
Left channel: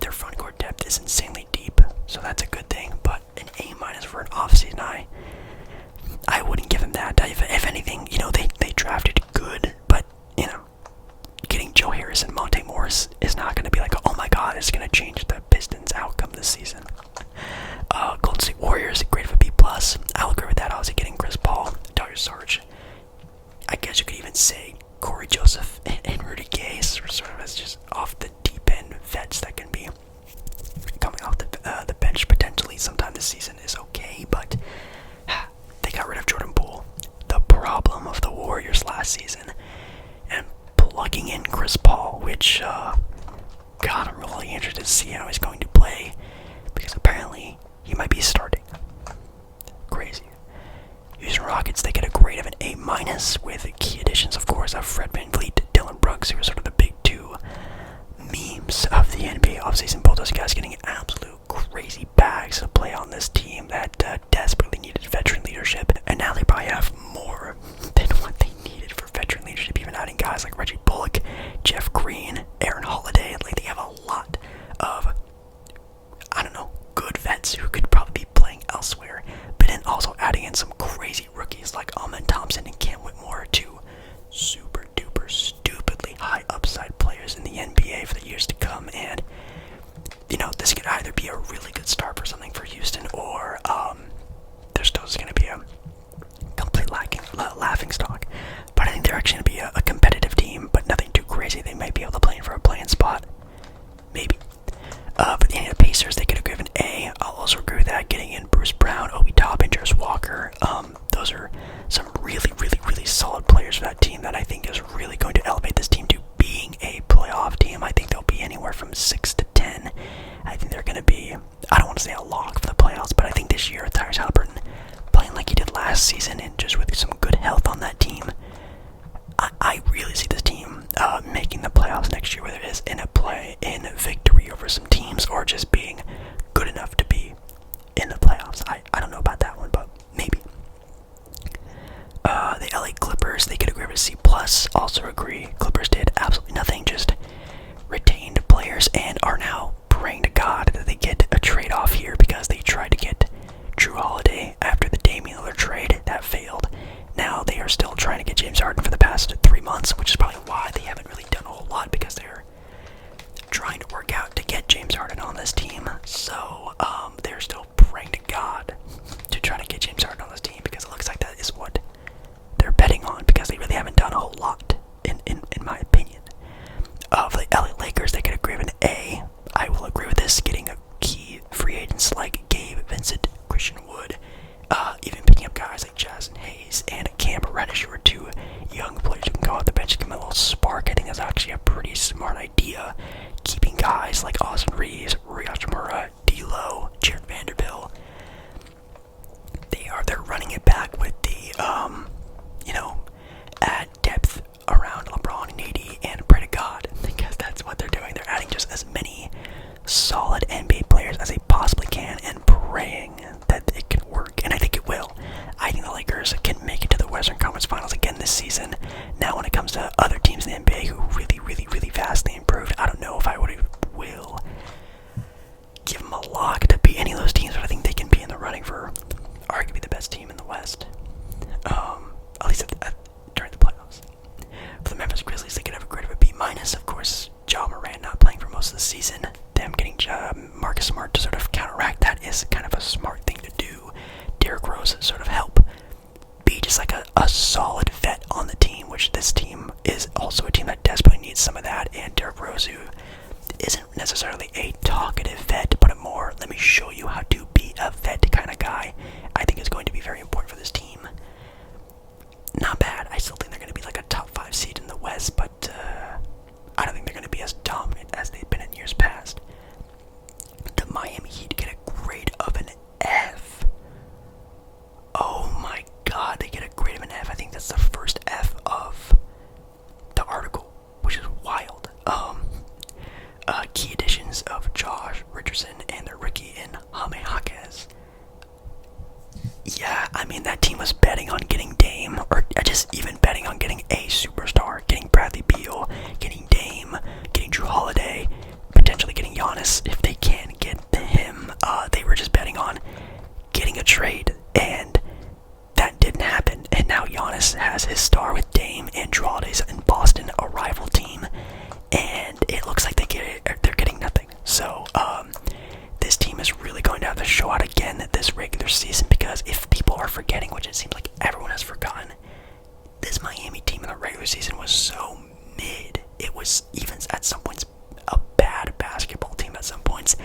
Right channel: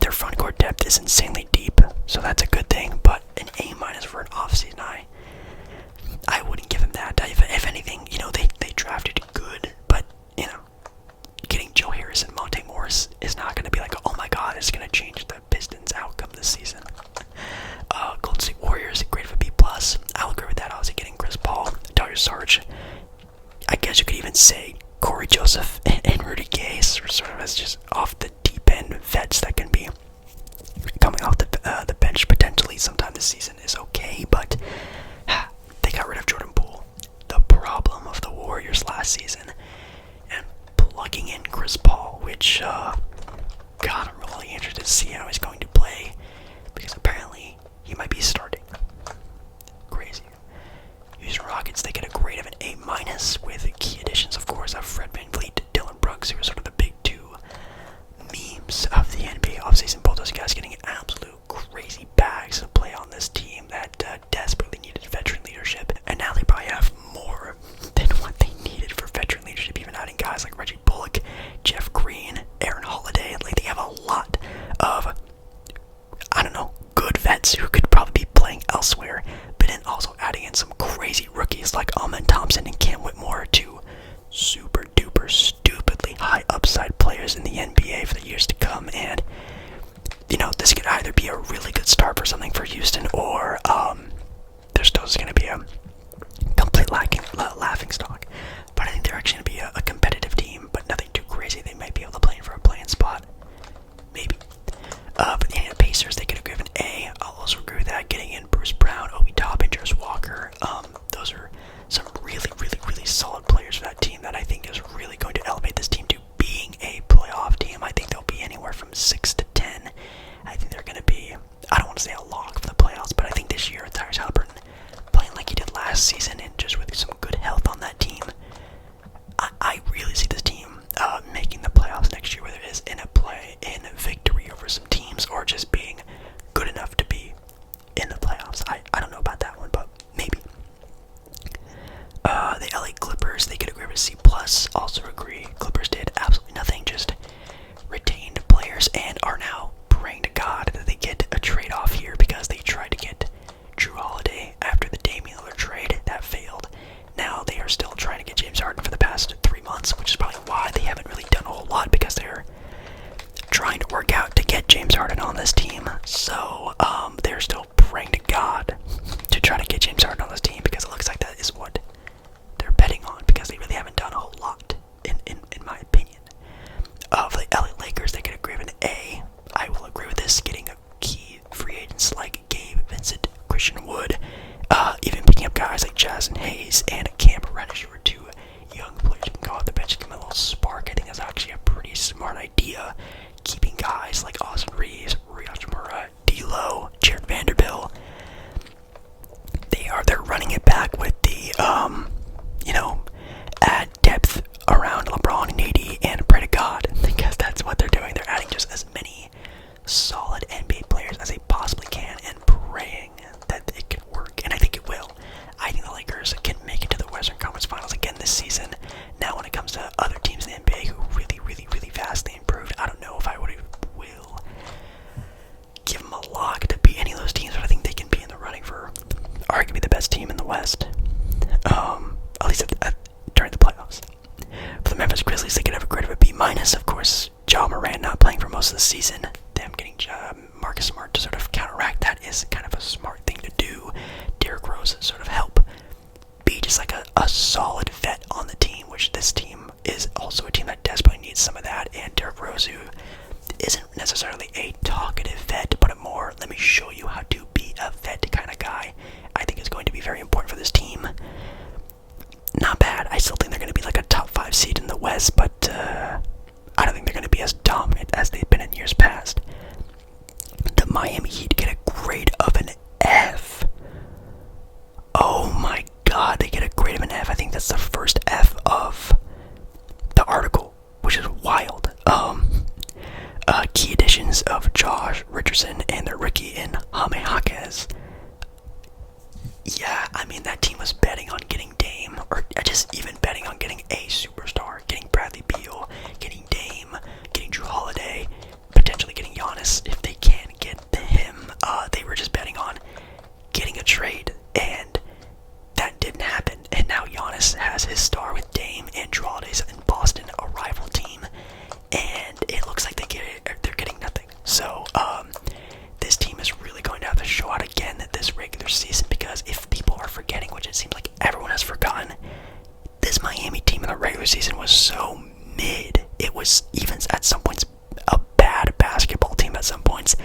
Their front court depth is insanely deep, so that's a good thing, but an A- for an offseason, I wouldn't give him that. If anything, they drafted good, but, getting Joe Harris and Monte Morris is not going to be like, oh my god, it's going to change the Pistons' outcome this season. Golden State Warriors, grade of a B+. I'll agree with that. Obviously, getting Chris Paul, Darius Sarge. I guess you could even say Corey Joseph and Rudy Gay, sort of as just off the deep end vets that can be coming off the bench potentially sometime this season is okay, but they got rid of Jordan Poole, the problem of the Warriors last season, and plugging in Chris Paul, which, I'm really interested to see how he's going to play, because apparently he might be starting. Crazy. Houston Rockets, they get a grade of an A- with key additions, of course, of Fred VanVleet, Dylan Brooks, who are sort of the big two memes of the NBA offseason. Both those guys getting absolute crazy bags to play on this team that desperately needed veteran leadership, and now they probably have more than what they needed for veteran leadership, even adding guys like Reggie Bullock, Jeff Green, Aaron Holiday. Like, they have a lot of, good vets who could probably be playing elsewhere, but then also adding in some crazy rookies like Amen Thompson and Cam Whitmore, two super duper stupidly high upside players in the NBA for the years to come. And this could either be a really good start for something for Houston, or there's still going to be a complete laughing stock. But I think they're actually going to be a competitive team. Lakers and are now praying to God that they get a trade off here because they tried to get Drew Holiday after the Damian Lillard trade. That failed. Now they are still trying to get James Harden for the past 3 months, which is probably why they haven't really done a whole lot, because they're trying to work out to get James Harden on this team. So they're still praying to God to try to get James Harden on this team, because it looks like that is what they're betting on, because they really haven't done a whole lot, in my opinion. For the LA Lakers, they could agree with an A. I will agree with this, getting a key free agents like Gabe Vincent, Christian Wood, even picking up guys like Jason Hayes and Cam Reddish, who are 2 young players who can go off the bench and give them a little spark. I think that's actually a pretty smart idea. Keeping guys like Austin Reeves, Rui Hachimura, D'Lo, Jared Vanderbilt. They're running it back with the add depth around LeBron and AD and pray to God, because that's what they're doing. They're adding just as many solid NBA players as they possibly can and praying that it can work, and I think it will. I think the Lakers can make it to the Western Conference Finals again this season. Now, when it comes to other teams in the NBA who really vastly improved, I don't know if I will give them a lock to beat any of those teams, but I think they can be in the running for arguably the best team in the West, at least during the playoffs. For the Memphis Grizzlies, they could have a grade of a B-. Of course, Ja Morant not playing for most of the season. Them getting Marcus Smart to sort of counteract that is kind of a smart thing to do. Derrick Rose sort of help be just like a solid vet on the team, which this team is also a team that desperately needs some of that. And Derrick Rose, who isn't necessarily a talkative vet, but a more let me show you how to be a vet kind of guy, I think is going to be very important for this team. Not bad. I still think they're going to be like a top 5 seed in the West, but I don't think they're going to be as dominant as they've been in years past. The Miami Heat get a grade of an F. Oh my God, they get a grade of an F. I think that's the first F of the article, which is wild. Key additions of Josh Richardson and their rookie in Jaime Jaquez. Yeah, I mean, that team was betting on getting Dame, or just even betting on getting a superstar, getting Bradley Beal, getting Dame, getting Drew Holiday, potentially getting Giannis if they can get him. They were just betting on getting a trade, and that didn't happen. And now Giannis has his star with Dame and Drew Holiday's in Boston, a rival team, and it looks like they're getting nothing. So this team is really going to have to show out again this regular season, because if people are forgetting, which it seems like everyone has forgotten, this Miami team in the regular season was so mid. It was even at some points a bad basketball team at some points,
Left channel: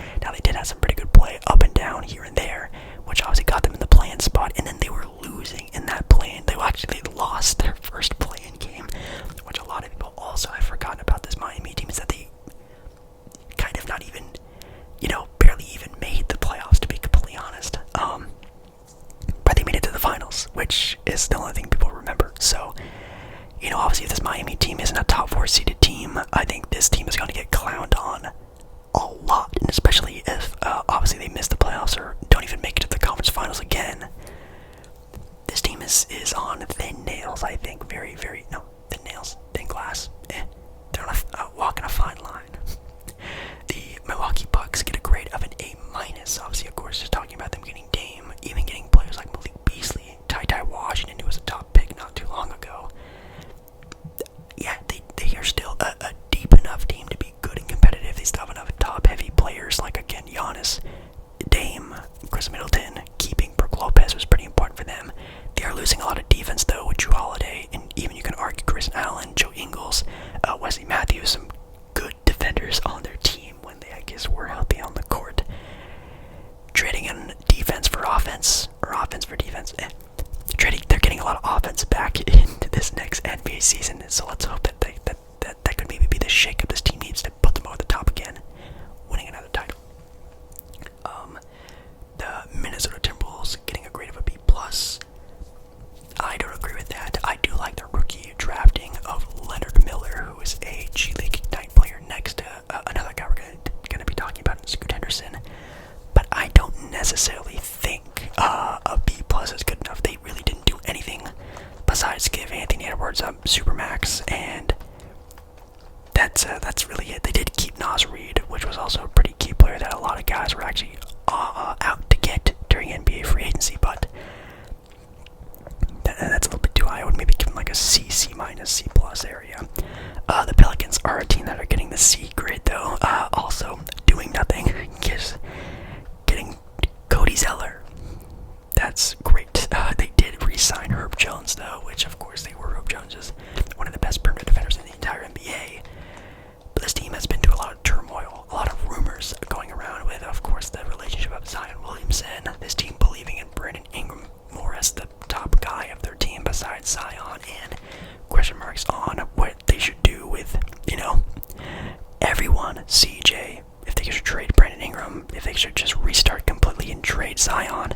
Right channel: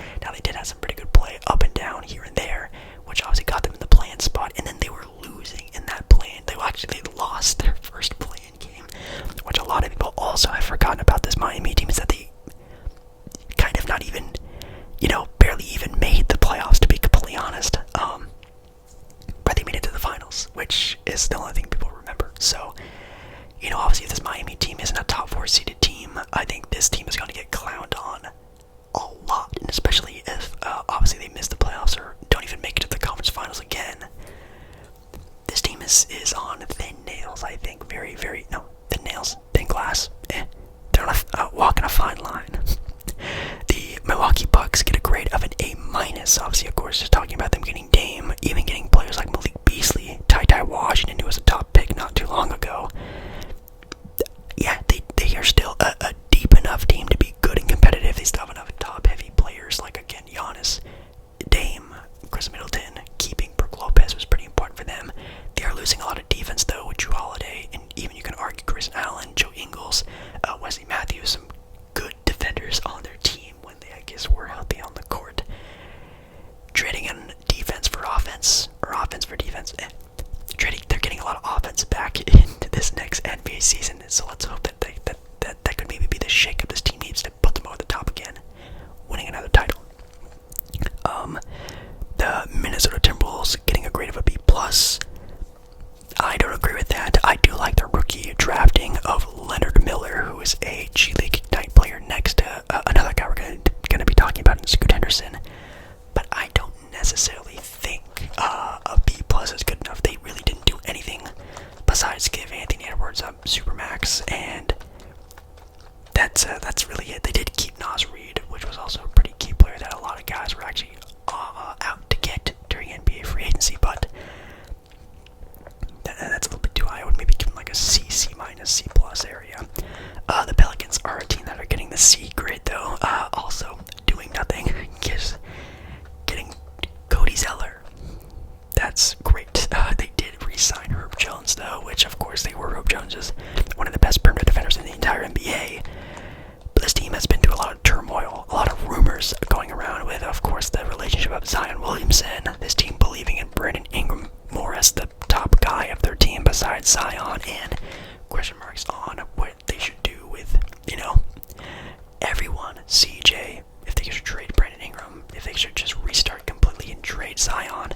CJ, if they should trade Brandon Ingram, if they should just restart completely and trade Zion.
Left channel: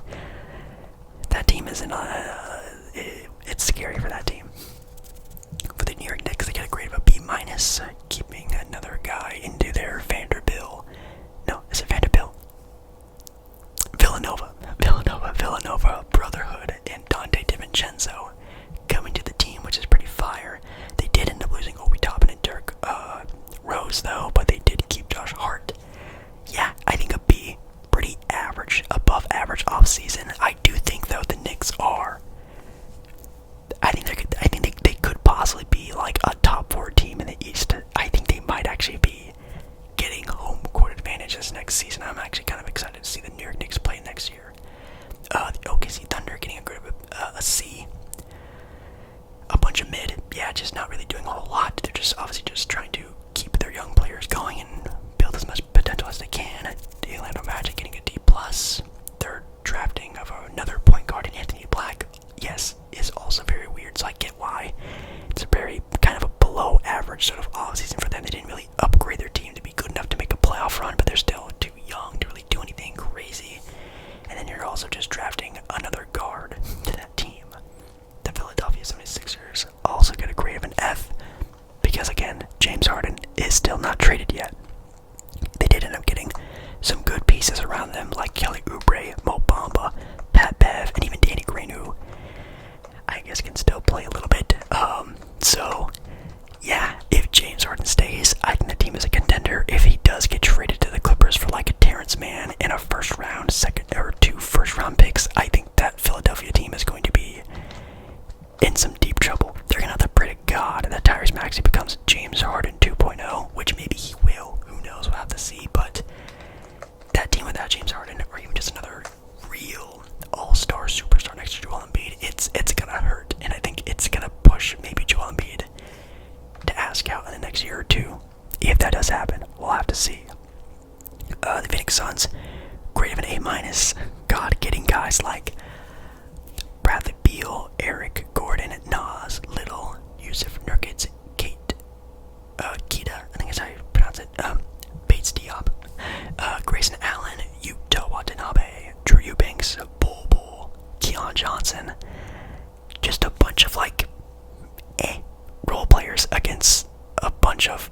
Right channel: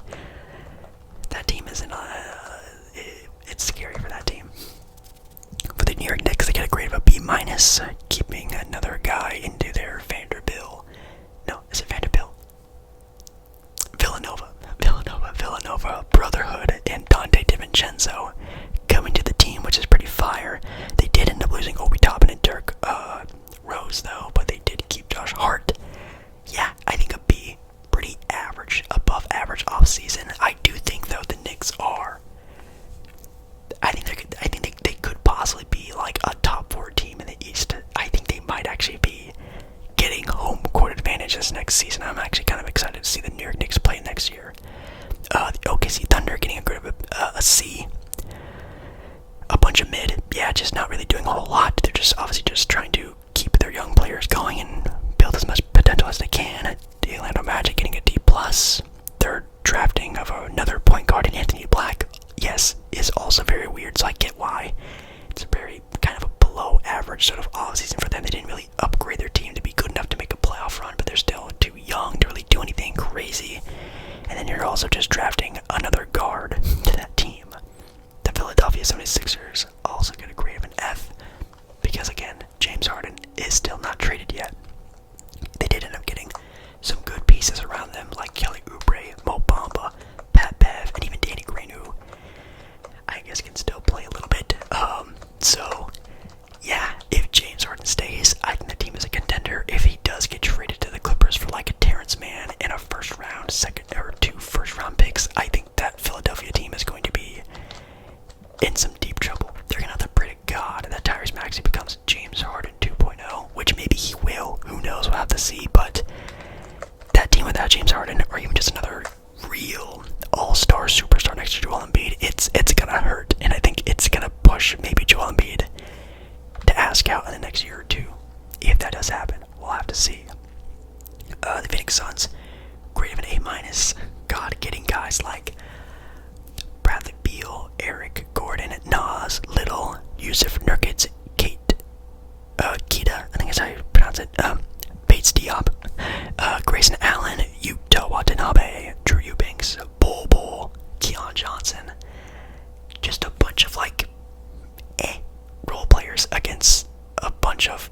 That team is it's scary for that team. For the New York Knicks, they get a grade of a B-, keeping another guy into their Vanderbilt. No, is it Vanderbilt? Villanova Brotherhood, and Dante DiVincenzo coming to the team, which is pretty fire. They did end up losing Obi Toppin and Dirk Rose, though, but they did keep Josh Hart. Yeah, I think a B, pretty average, above average offseason. I do think, though, the Knicks are. I think they could possibly be like a top 4 team in the East. I think they might actually be getting home court advantage this next season. I'm actually kind of excited to see the New York Knicks play next year. The OKC Thunder getting a grade of a C. A bunch of mid. Yeah, just not really doing a whole lot. They're just obviously just trying to keep their young players going and build as much potential as they can. The Orlando Magic getting a D+. Their drafting of another point guard in Anthony Black, yes, is also very weird, so I get why. It's a very kind of a below average sort of offseason for them. They didn't really upgrade their team to be good enough to make a playoff run, but they're still too young to really do anything crazy. And then you're also just drafting another guard to that team. The Philadelphia 76ers also get a grade of an F because, again, James Harden is still not traded yet. They did end up getting some good pieces around them, like Kelly Oubre, Mo Bamba, Pat Bev, and even Danny Green, who I guess can still play a little bit. So, yeah, if James Harden stays, I think the team is a contender. If he does get traded to the Clippers for like a Terrence Mann and a second or 2 first-round picks, I think that Philadelphia team is going to be in some deep trouble. They're gonna have to pray to God that Tyrese Maxey becomes James Harden 2.0, which maybe he will. Who knows? We'll have to see. But that team without James Harden, or even just another real all-star superstar next to Joel Embiid, it's gonna hurt, and I think it's gonna push maybe Joel Embiid to ask out in the next year or two. If that does happen, we'll have to see. The Phoenix Suns, grade of an A-. God, getting guys like Bradley Beal, Eric Gordon, Nas, Little, Yusuf Nurkic, Keita, I think is how you pronounce it, Bates Diop, Grayson Allen, Yuta Watanabe, Drew Eubanks, Bol, Keon Johnson. Just a bunch of role players against a bunch of,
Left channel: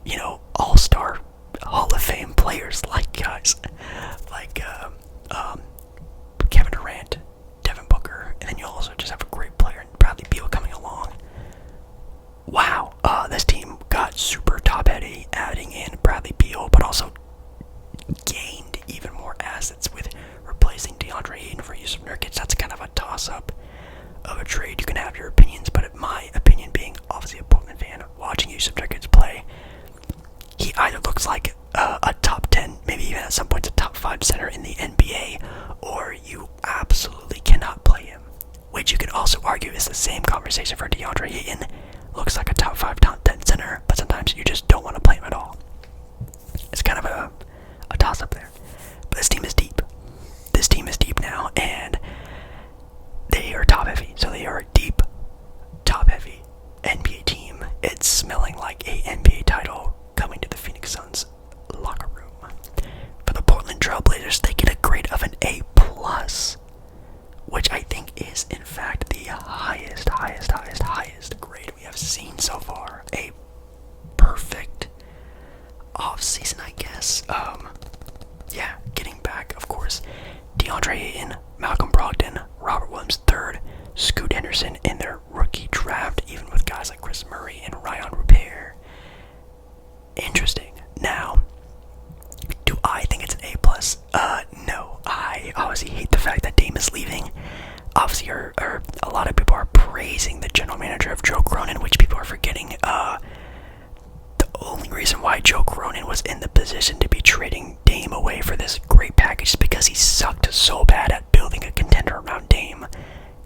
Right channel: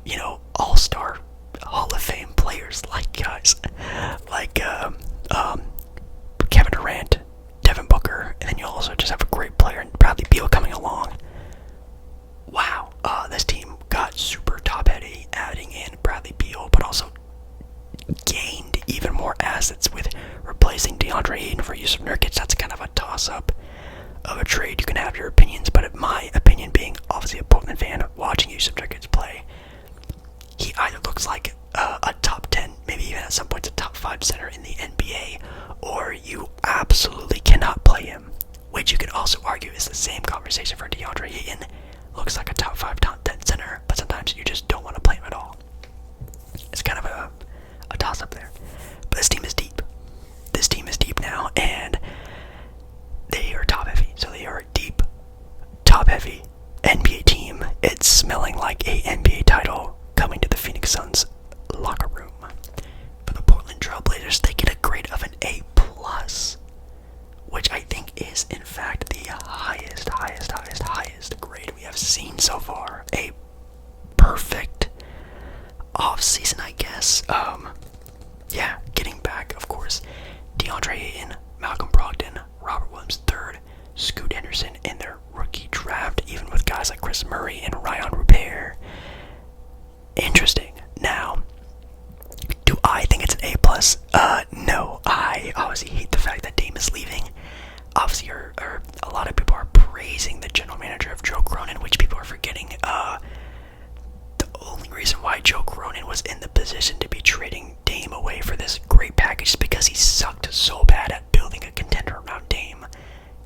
all-star Hall of Fame players like guys like Kevin Durant, Devin Booker, and then you also just have a great player in Bradley Beal coming along. Wow, this team got super top-heavy, adding in Bradley Beal, but also gained even more assets with replacing DeAndre Ayton for Yusuf Nurkic. That's kind of a toss-up of a trade. You can have your opinions, but my opinion being obviously a Portland fan, watching Yusuf Nurkic play, he either looks like a top 10, maybe even at some points a top 5 center in the NBA, or you absolutely cannot play him, which you could also argue is the same conversation for DeAndre Ayton. Looks like a top 5, top 10 center, but sometimes you just don't want to play him at all. It's kind of a toss-up there. But this team is deep. This team is deep now, and they are top-heavy. So they are a deep, top-heavy NBA team. It's smelling like a NBA title coming to the Phoenix Suns locker room. For the Portland Trailblazers, they get a grade of an A+, which I think is, in fact, the highest grade we have seen so far. A perfect off-season, I guess. Yeah, getting back, of course, DeAndre Ayton, Malcolm Brogdon, Robert Williams III, Scoot Henderson in their rookie draft, even with guys like Chris Murray and Ryan Rupert. Interesting. Now, do I think it's an A+? No. I obviously hate the fact that Dame is leaving. Obviously, a lot of people are praising the general manager of Joe Cronin, which people are forgetting. The only reason why Joe Cronin was in the position to be trading Dame away for this great package is because he sucked so bad at building a contender around Dame.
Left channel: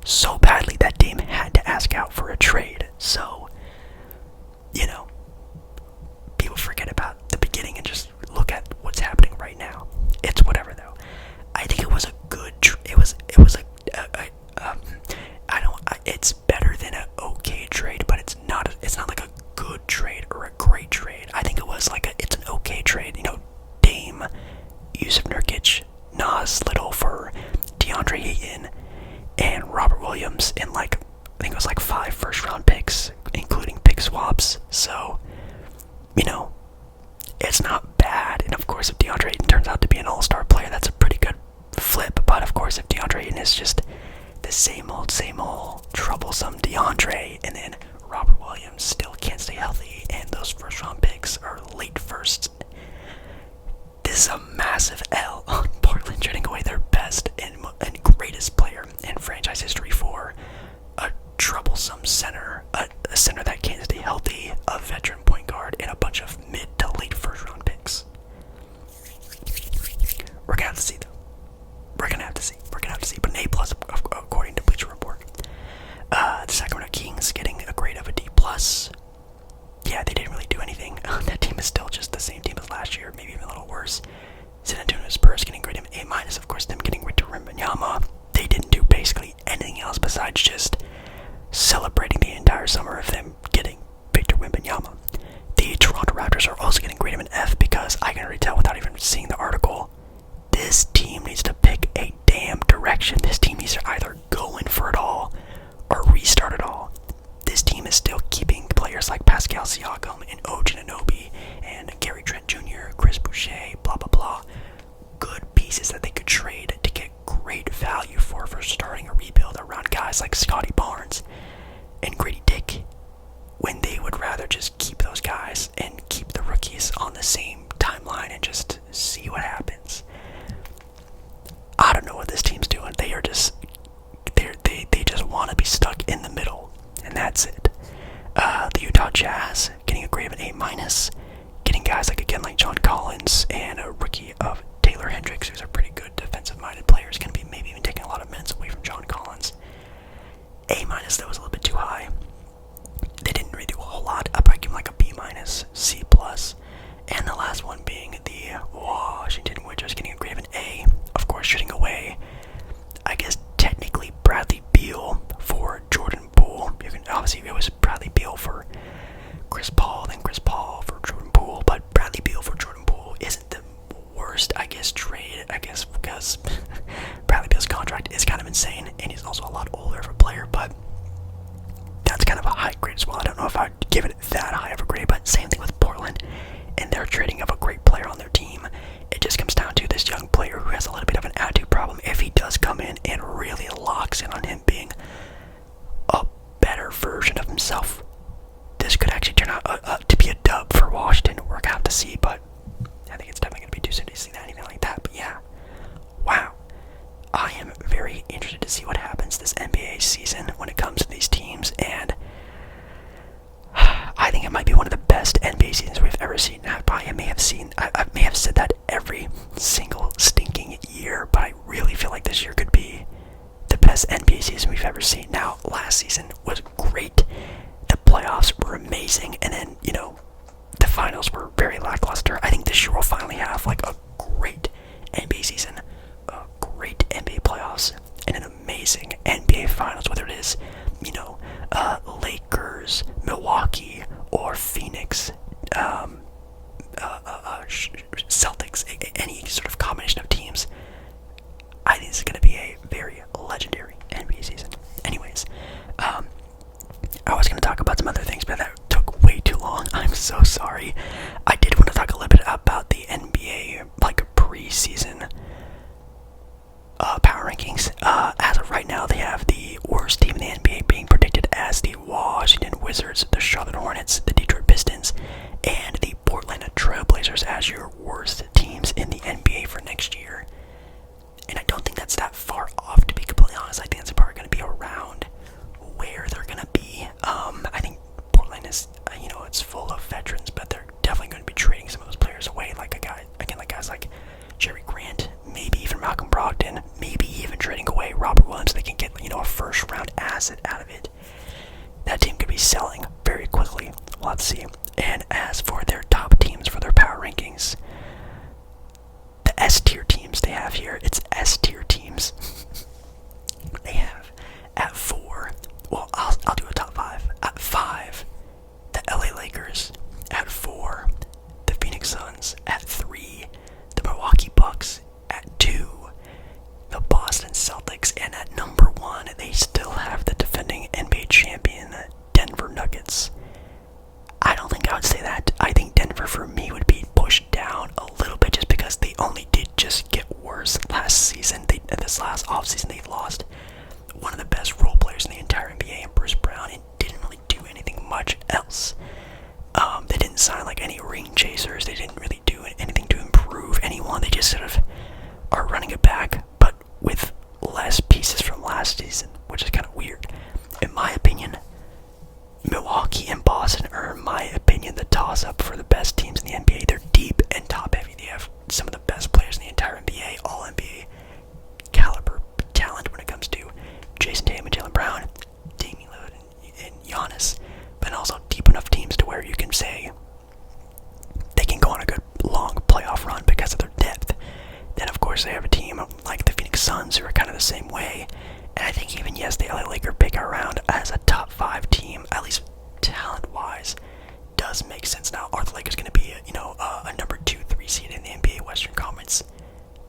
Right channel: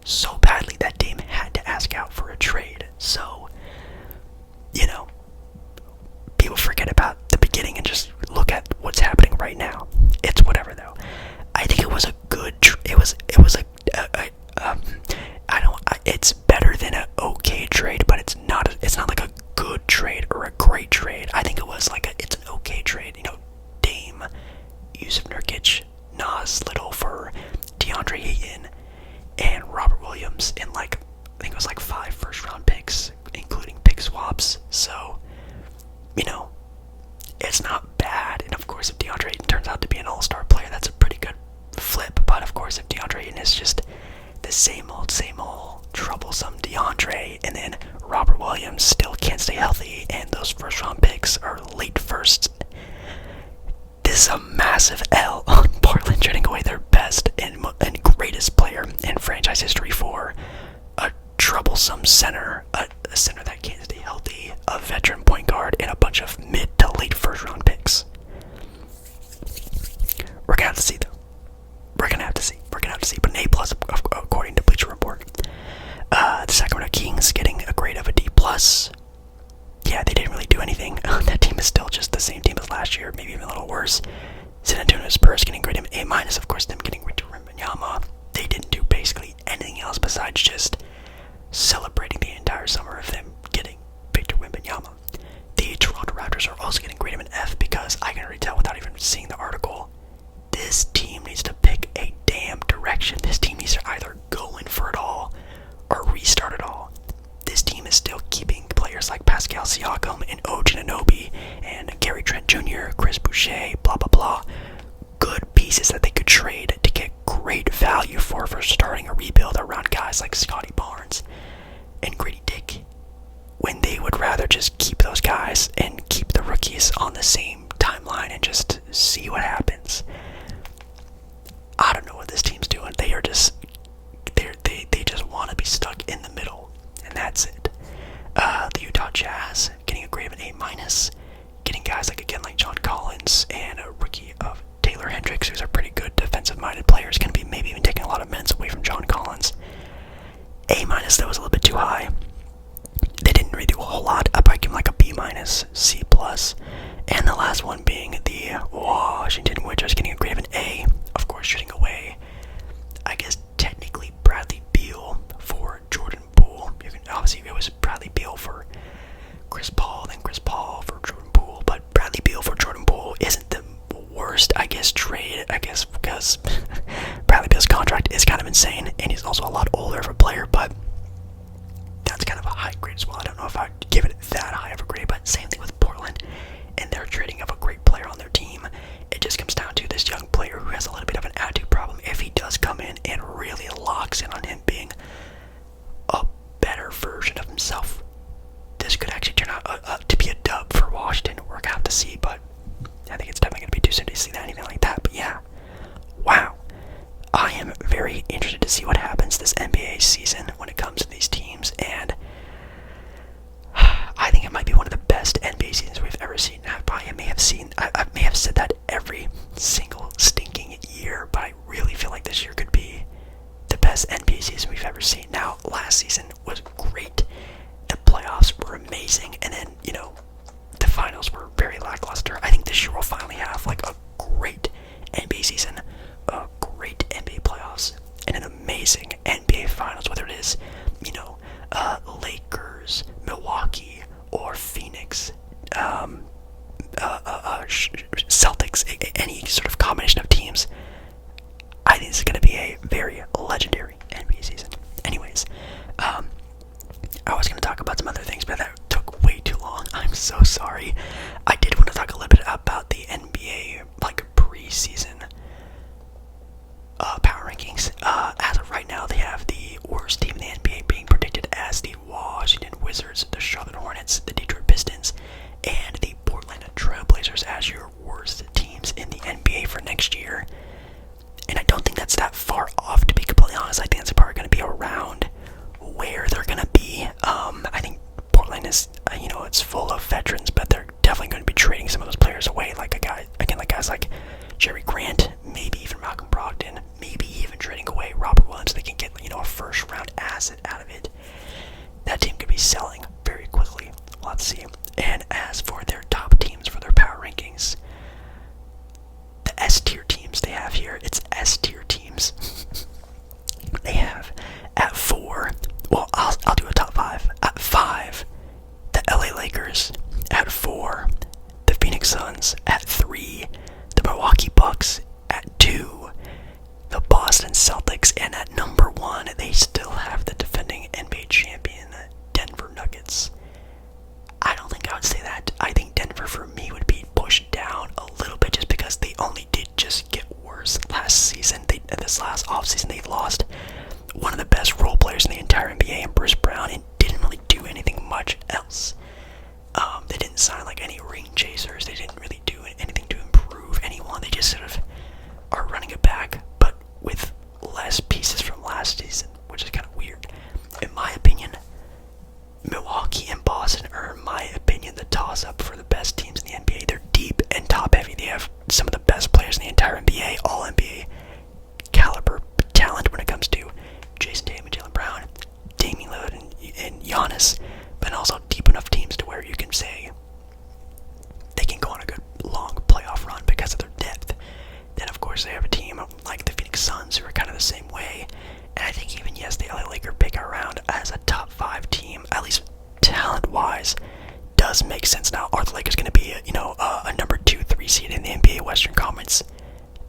So badly that Dame had to ask out for a trade. So, people forget about the beginning and just look at what's happening right now. It's whatever, though. I think it was a good it's better than an okay trade, but it's not like a good trade or a great trade. I think it's an okay trade. turns out to be an all-star player, that's a pretty good flip. But of course, if DeAndre Ayton is just the same old troublesome DeAndre, and then Robert Williams still can't stay healthy, and those first-round picks are late firsts, this is a massive L on Portland, trading away their best and greatest player in franchise history for a troublesome center, a center that can't stay healthy, a veteran point guard, and a bunch of mid to late first-round picks. We're gonna have to see, though. We're gonna have to see. But an A+ according to Bleacher Report. The Sacramento Kings getting a grade of a D+. Yeah, they didn't really do anything. That team is still just the same team as last year, maybe even a little worse. San Antonio Spurs getting graded A-. Of course, them getting Victor Wembanyama. They didn't do basically anything else besides just celebrating the entire summer of them getting Victor Wembanyama. The Toronto Raptors are also getting graded an F because I can already tell without even seeing the article. This team needs to pick a damn direction. This team needs to either go in for it all or restart it all. This team is still keeping players like Pascal Siakam and OG Anunoby and Gary Trent Jr., Chris Boucher, blah, blah, blah. Good pieces that they could trade to get great value for starting a rebuild around guys like Scotty Barnes and Grady Dick, when they would rather just keep those guys and keep the rookies on the same timeline and just see what happens. I don't know what this team's doing. They just want to be stuck in the middle, and that's it. The Utah Jazz getting a grade of an A-, getting guys like John Collins and a rookie of Taylor Hendricks, who's a pretty good defensive-minded player. Is going to be maybe even taking a lot of minutes away from John Collins. A-, that was a little bit too high. They didn't really do a whole lot. I'd probably give them like a B-, C+. And the last one being the Washington Wizards getting a grade of an A. Of course, shooting away, I guess, technically Bradley Beal for Jordan Poole. Obviously, it was Bradley Beal for Chris Paul, then Chris Paul for Jordan Poole. But Bradley Beal for Jordan Poole isn't the worst, trade, because Bradley Beal's contract is kind of insane, and he's also a lot older of a player, but that's kind of a high grade as well. I don't know if I'd give it that high of a grade, but same thing with Portland and their trading of a great player on their team. It just comes down to this young player who has a little bit of an attitude problem. If he does come in and really locks in on him being a better version of himself, this could actually turn out to be a dub for Washington. We're gonna have to see, but I think it's definitely gonna be too soon to see anything like that. But yeah, wow. I am very interested to see what happens this NBA season when it comes to these teams, and I think it might be one of the best NBA seasons we've ever seen. I may have said that every single stinking year, but I really feel like this year could be the best NBA season we've ever seen. Now, last season was great. The playoffs were amazing, and then, the finals were very lackluster. I think this year we'll finally have, like, a great NBA season, a great NBA playoffs, and an amazing NBA finals, whether it is, Lakers, Milwaukee, or Phoenix, Celtics, any sort of combination of teams. I think this is going to be a very legendary NBA season. Anyways, I was going to talk about some other things, but that took way too long. I'm so sorry. I did want to talk a little bit about the NBA, preseason power rankings. As of right now, they have the worst team in the NBA being predicted as the Washington Wizards, the Charlotte Hornets, the Detroit Pistons, and the Portland Trail Blazers as your worst teams in the NBA for next year. And I don't think that's that far off, to be completely honest. I think that's probably going to be around where they're going to be. I think Portland is, it's full of veterans, but they're definitely going to be trading some of those players away, like guys like Jerry Grant, maybe even Malcolm Brogdon, maybe even trading away Robert Williams so they can get, a first-round asset out of it. That team could be selling very quickly. We'll have to see. And as for their top teams for their power rankings, the S-tier teams they have here, it's S-tier teams. They have at 4, well, I'll do a top 5. At 5, the LA Lakers. At 4, the Phoenix Suns. At 3, the Milwaukee Bucks. At 2, the Boston Celtics. And at number 1, they still have the defending NBA champion, Denver Nuggets. I don't think I would say that. I think Denver, for me, would be pushed down a little bit just because as they only did just get worse last season. This last offseason, they lost one of the best role players in the entire NBA, and Bruce Brown, and didn't really do anything much else. They didn't sign like any ring chasers. They didn't really do anything to improve anyone. They just sort of are running it back, but with less pieces from last season, which is kind of weird. In my opinion, Milwaukee and Boston are, in my opinion, the toss-up for the best teams in the NBA. They're deep and top-heavy. They have some of the best players in the entire NBA, all NBA caliber talent when it comes to Jason Tatum and Jaylen Brown, Damian Lillard and Giannis, but also deep enough teams to where you can say they can go on a good long playoff run because of their depth. Then, of course, they have a team like the Phoenix Suns who are kind of the same way. And I think even, yes, the LA Lakers pick around as a top 5 team, at least talent-wise, does make sense. Now, are the Lakers going to be, a number 2, 3 seed in the NBA Western Conference?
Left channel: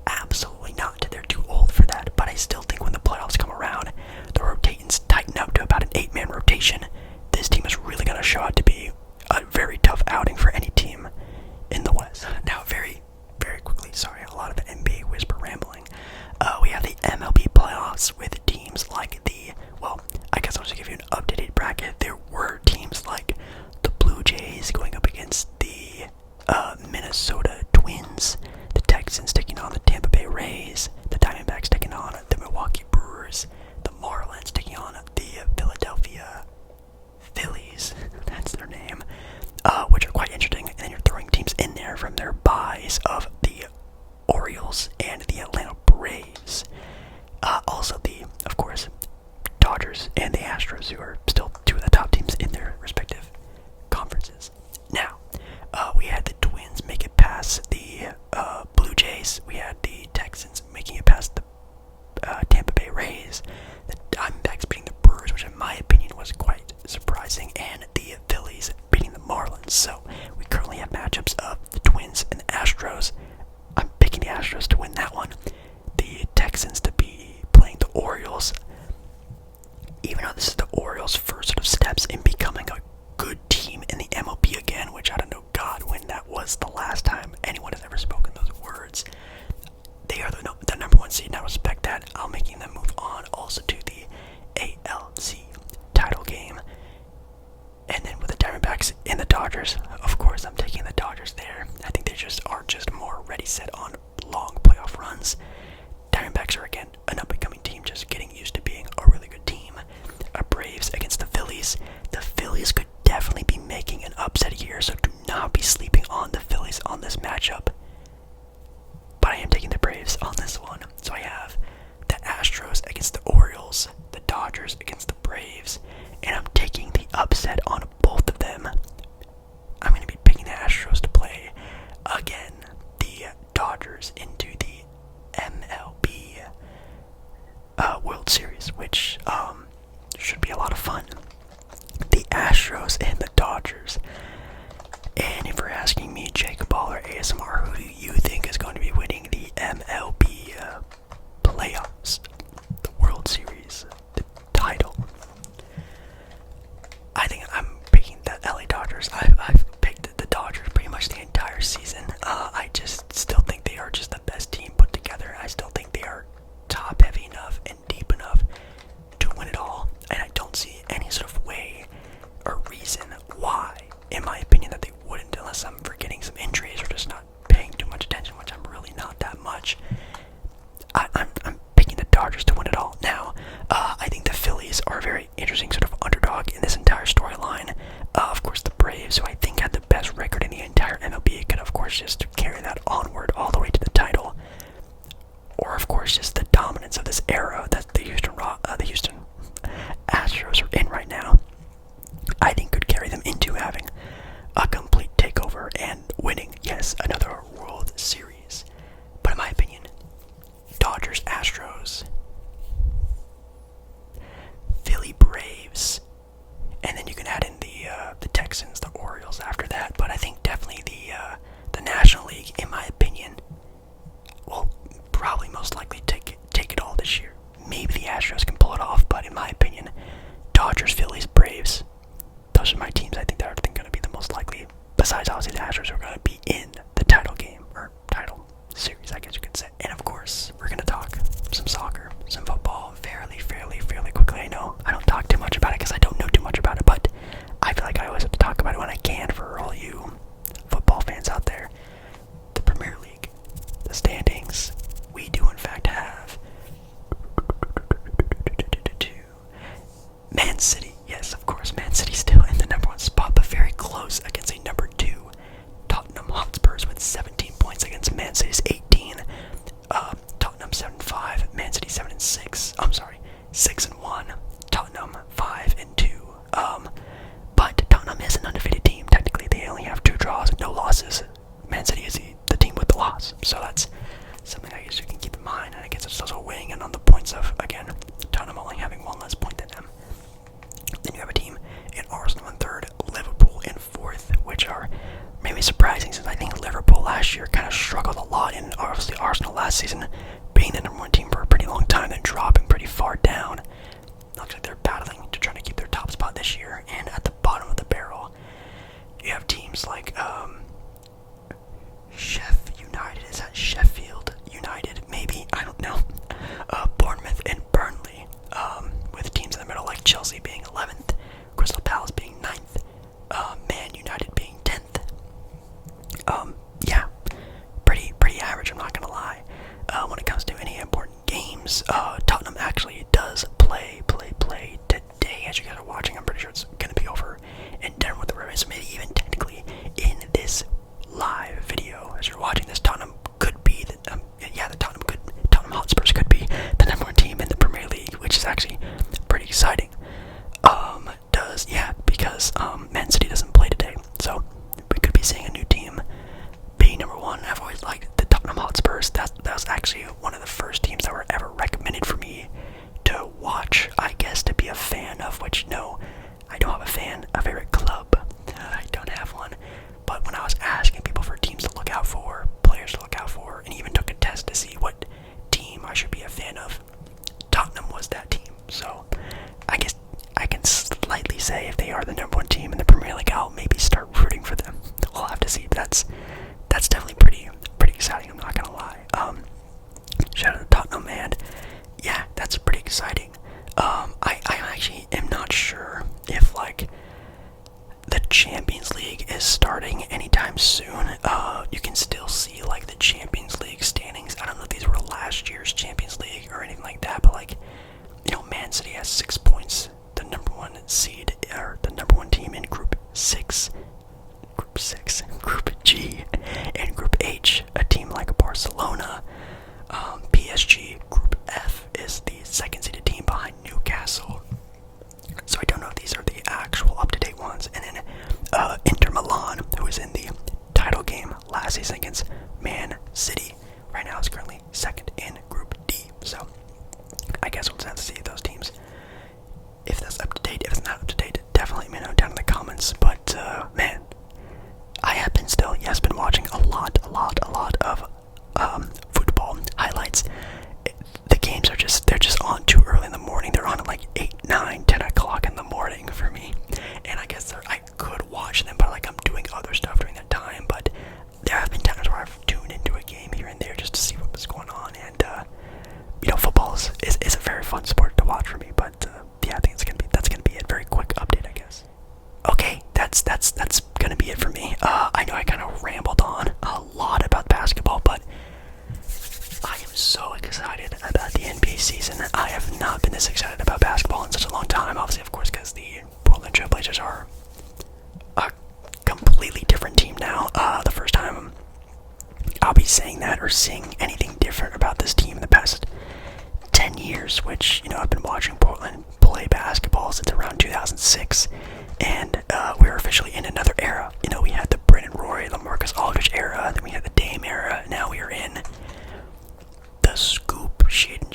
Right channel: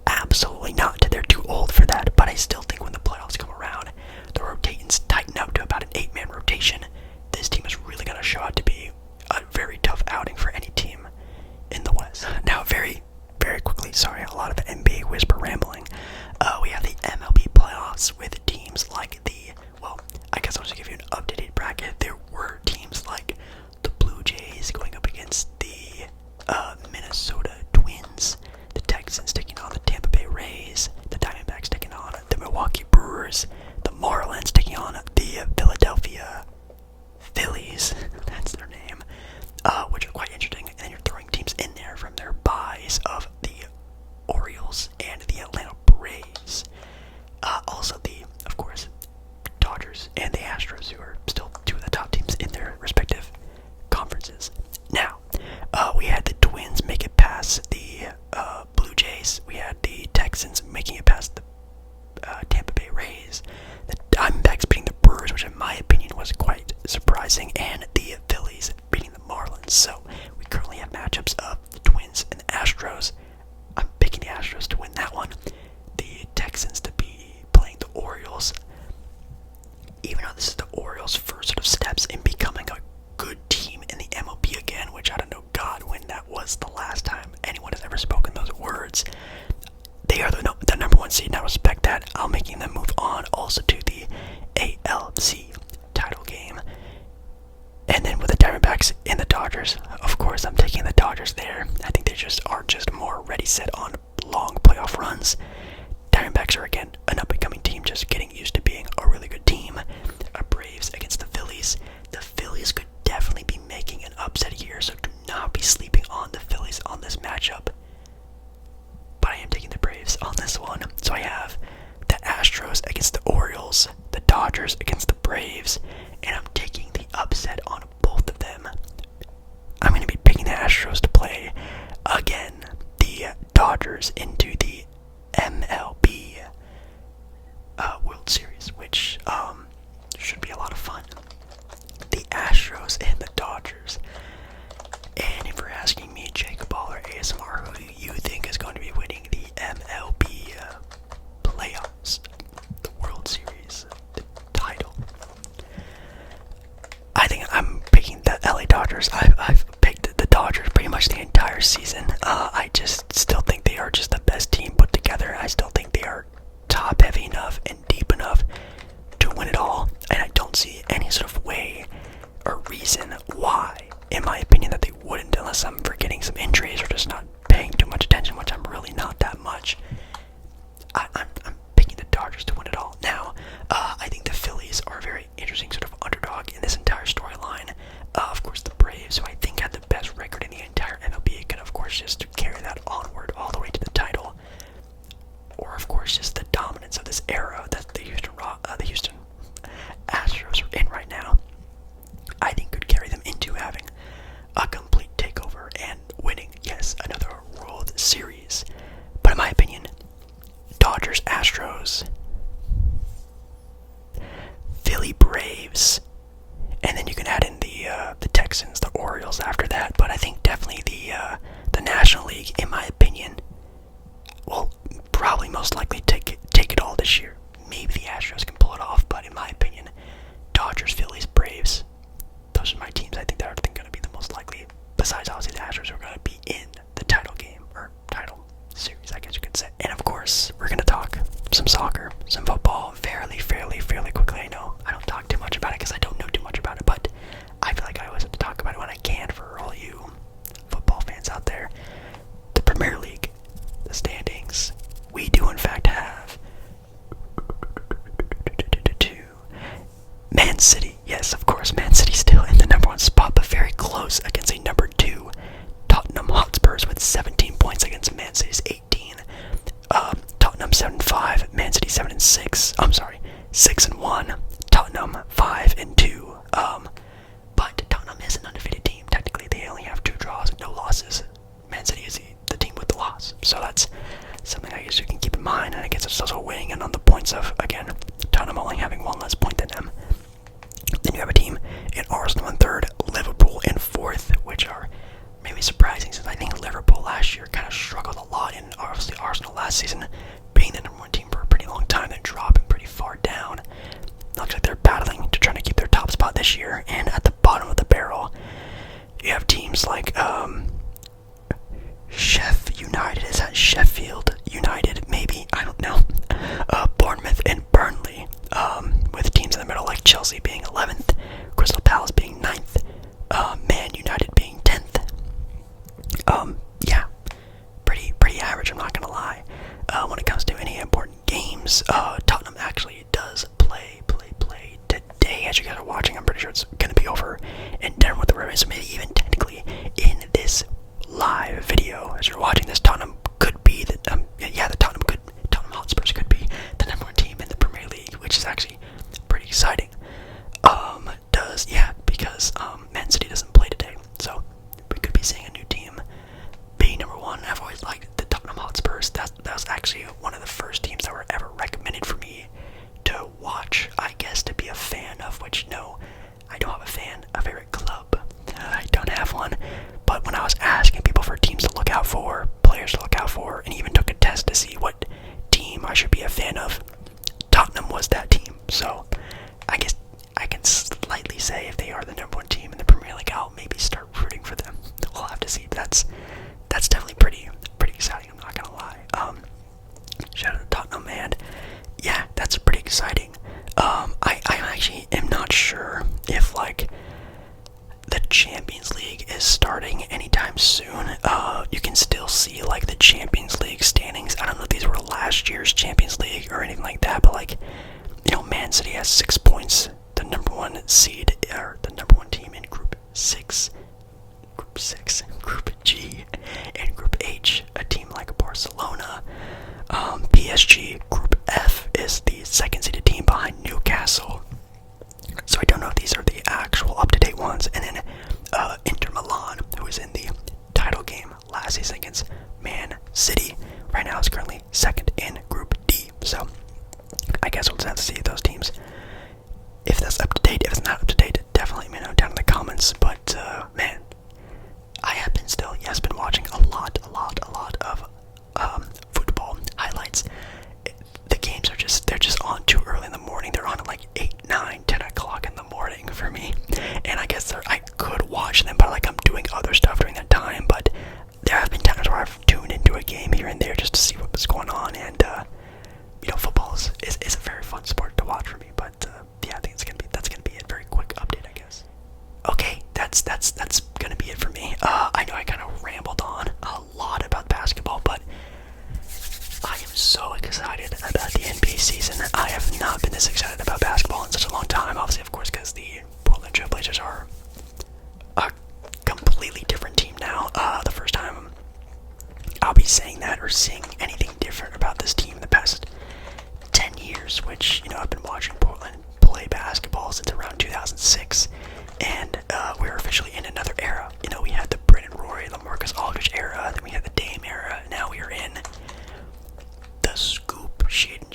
Absolutely not. They're too old for that. But I still think when the playoffs come around, the rotations tighten up to about an 8-man rotation. This team is really going to show out to be a very tough outing for any team in the West. Now, very, very quickly, sorry, a lot of NBA whisper rambling. We have the MLB playoffs with teams like I guess I'll just give you an updated bracket. There were teams like the Blue Jays going up against the Minnesota Twins, the Texans taking on the Tampa Bay Rays, the Diamondbacks taking on the Milwaukee Brewers, the Marlins taking on the Philadelphia Phillies, that's their name, which are quite interesting. And then you're throwing teams in there from their buys of the Orioles and the Atlanta Braves. Also of course, Dodgers and the Astros, who are still 2 of the top teams in their respective conferences. Now, we had the Twins make it past the Blue Jays. We had the Texans making it past the Tampa Bay Rays. The Diamondbacks beating the Brewers, which in my opinion was quite surprising, and the Phillies beating the Marlins. So we currently have matchups of the Twins and the Astros. I'm picking the Astros to win that one. The Texans to be playing the Orioles. Even though this is the Orioles' first sort of steps in becoming a good team in the MLB again, which I don't know, God, when that was the last time anyone has ever spoken those words. They are the number 1 seed, and I respect that. I'm making them move on also to the ALC title game. And then with the Diamondbacks and the Dodgers, of course, I'm taking the Dodgers there. I think they are just more ready set on long playoff runs. Diamondbacks are, again, an up-and-coming team, just getting used to being a really good team. Braves against the Phillies. The Phillies could definitely be making an upset here, so do not be sleeping on the Phillies on this matchup. But I am taking the Braves on this one. So I have the Astros against the Orioles, the Dodgers against the Braves, and I'm taking the upset on both of them. I'm going to be picking the Astros to play, again, the Dodgers into the MLB World Series, which should be a lot of fun. The Astros and the Dodgers. And if you're asking me, Jacob Ball or ASMR, who do you think is going to be winning the MLB playoffs, the World Series, the title? I think I'm picking the LA Dodgers. I've picked the Dodgers pretty much the entire season. I just still think they are just the best team put together. I still think they are top heavy enough and deep enough to win it all. And I don't see any sort of way or reason why, in my opinion, that they wouldn't, unless I'm forgetting some injuries or just not paying too much attention, which I'm really not that much. I'm picking the Dodgers to win it all. Now, I think the Phillies are a very interesting sort of underdog in this entire storyline. Of course, the Braves, who I think had the best record in the entire MLB, could of course just carry that onward all the way to the title. Or of course, just the dominance of this era that the Houston Astros are in right now, I think could carry them into having a complete takeover and winning, yes, another World Series. But in my opinion, Dodgers, Astros, Philly Braves, and then you can add in the Texans, the Orioles after that. But I think definitely the National League, in my opinion, will probably most likely take it all this year. Maybe the Astros can pull it off, but in my opinion, Dodgers, Phillies, Braves, those are my teams. I think that are going to be the most likely. Besides, obviously, the Astros are going to be in the title game or title 6-1. Tottenham 5-2. But Tottenham is an undefeated team. Technically, they only have 2 draws and no losses. Man City is the team with the loss. So that's something I guess you can keep in mind. And I guess it's also weighing in on the points of, again, Tottenham only having 1 less point than them. Then you have a team in Arsenal in 3rd, Liverpool in 4th, which are maybe surprising since I think Liverpool last year kind of struggled a lot, and obviously Arsenal last season being the #1 team for a pretty long time, then dropping pretty far down. Looks like they're battling to try to keep their top spot this year. And at the bottom of the barrel, you have teams like United. Is that Sheffield United? Maybe, I don't know. Bournemouth and Burnley, with teams in the middle like Chelsea being 11th, Crystal Palace being 9th, Man United being 10th. Yeah, pretty average, I'm not gonna lie. When it comes to any important games, Tottenham actually does play today. As you guys are watching, I'm pretty sure it's gonna be over in Denver with the Red Raiders. So maybe even technically in this live video, as you're watching this, Tottenham could be the Tottenham Hotspurs could be the #1 team in the Premier League, which is actually pretty exciting. Because Man City doesn't play today, so we could be seeing a new team being #1. I've always liked the Tottenham Hotspurs. That was actually one of the first teams that were ever recommended for me to watch, I guess, to be a fan of, which, no, I don't have a favorite club. I don't have one. But when I was asking people for teams to look out for, players to look out for, and even took a test to see what team I should be a fan of, Tottenham was that team. So I guess I can slightly say if they are the #1 team in the Premier League, I'll maybe start rooting for them. We'll have to see. But that's definitely pretty exciting, I'm not gonna lie. Shout out to Tottenham, and yeah, that's pretty exciting. I actually am not sure if like the Champions League is starting anytime soon. You can still see like the Champions League standings. I don't know if these were last year's Champions League or anything like that, but like, you know, Man City has 6 points, the #1 seed, or the #1 team in Group 6, Group G, and Group H, a team like Barcelona, PSG. Group F is the 2nd seeded team behind Newcastle. So I don't know if these are the actual up-to-date ones. And then Inter Milan, who was in the title game last season against Man City, right now is currently 2nd in Group D. So I guess we'll just have to see those teams, if that's up-to-date. If it's not up-to-date, definitely let me know down in the comments. But man, I have been watching a lot of football highlights. The games they're just on too early in the morning. They're on at like 8, 9, 10 o'clock in the morning for me. And I guess I could watch them, but like I'm doing other stuff during that time. But there have been times where I've tuned into a game here and there just to see what was going on. And you know, football is a very fun sport to watch for me. But yeah, I think that's gonna be a very quick update, I guess. Okay, that's gonna be it for me. I know I kind of rambled on a lot about basketball, but I am so excited about the NBA season. I have not been this excited about basketball in such a long time. Obviously, of course, because the Portland Trail Blazers are a completely different team now. The first time I'll be saying that or seeing anything different about this team in the past 10 years, which, you know, I've been watching Portland play basketball since around 2006, and we're officially in another era. You know, we had the Brandon Roy, LaMarcus Aldridge era, then we had the Dame era, now we are in the Scoot, Shaden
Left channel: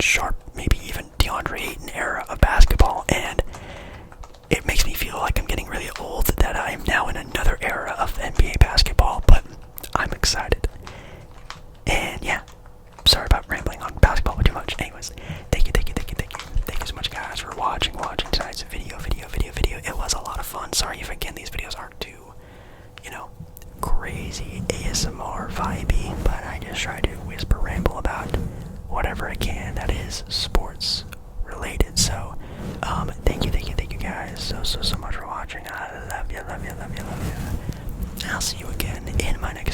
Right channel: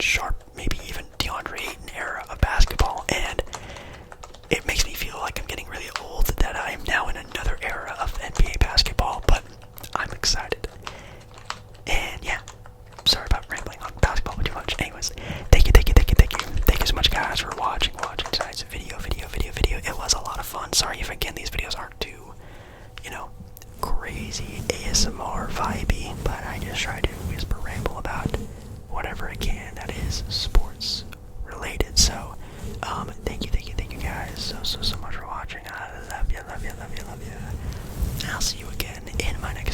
Sharp, maybe even DeAndre Ayton era of basketball, and it makes me feel like I'm getting really old that I am now in another era of NBA basketball, but I'm excited. And yeah, sorry about rambling on basketball too much. Anyways, thank you so much, guys, for watching tonight's video. It was a lot of fun. Sorry if again these videos aren't too, you know, crazy ASMR vibey, but I just try to whisper ramble about whatever I can that is sports related. So thank you guys so much for watching. I love you. And I'll see you again in my next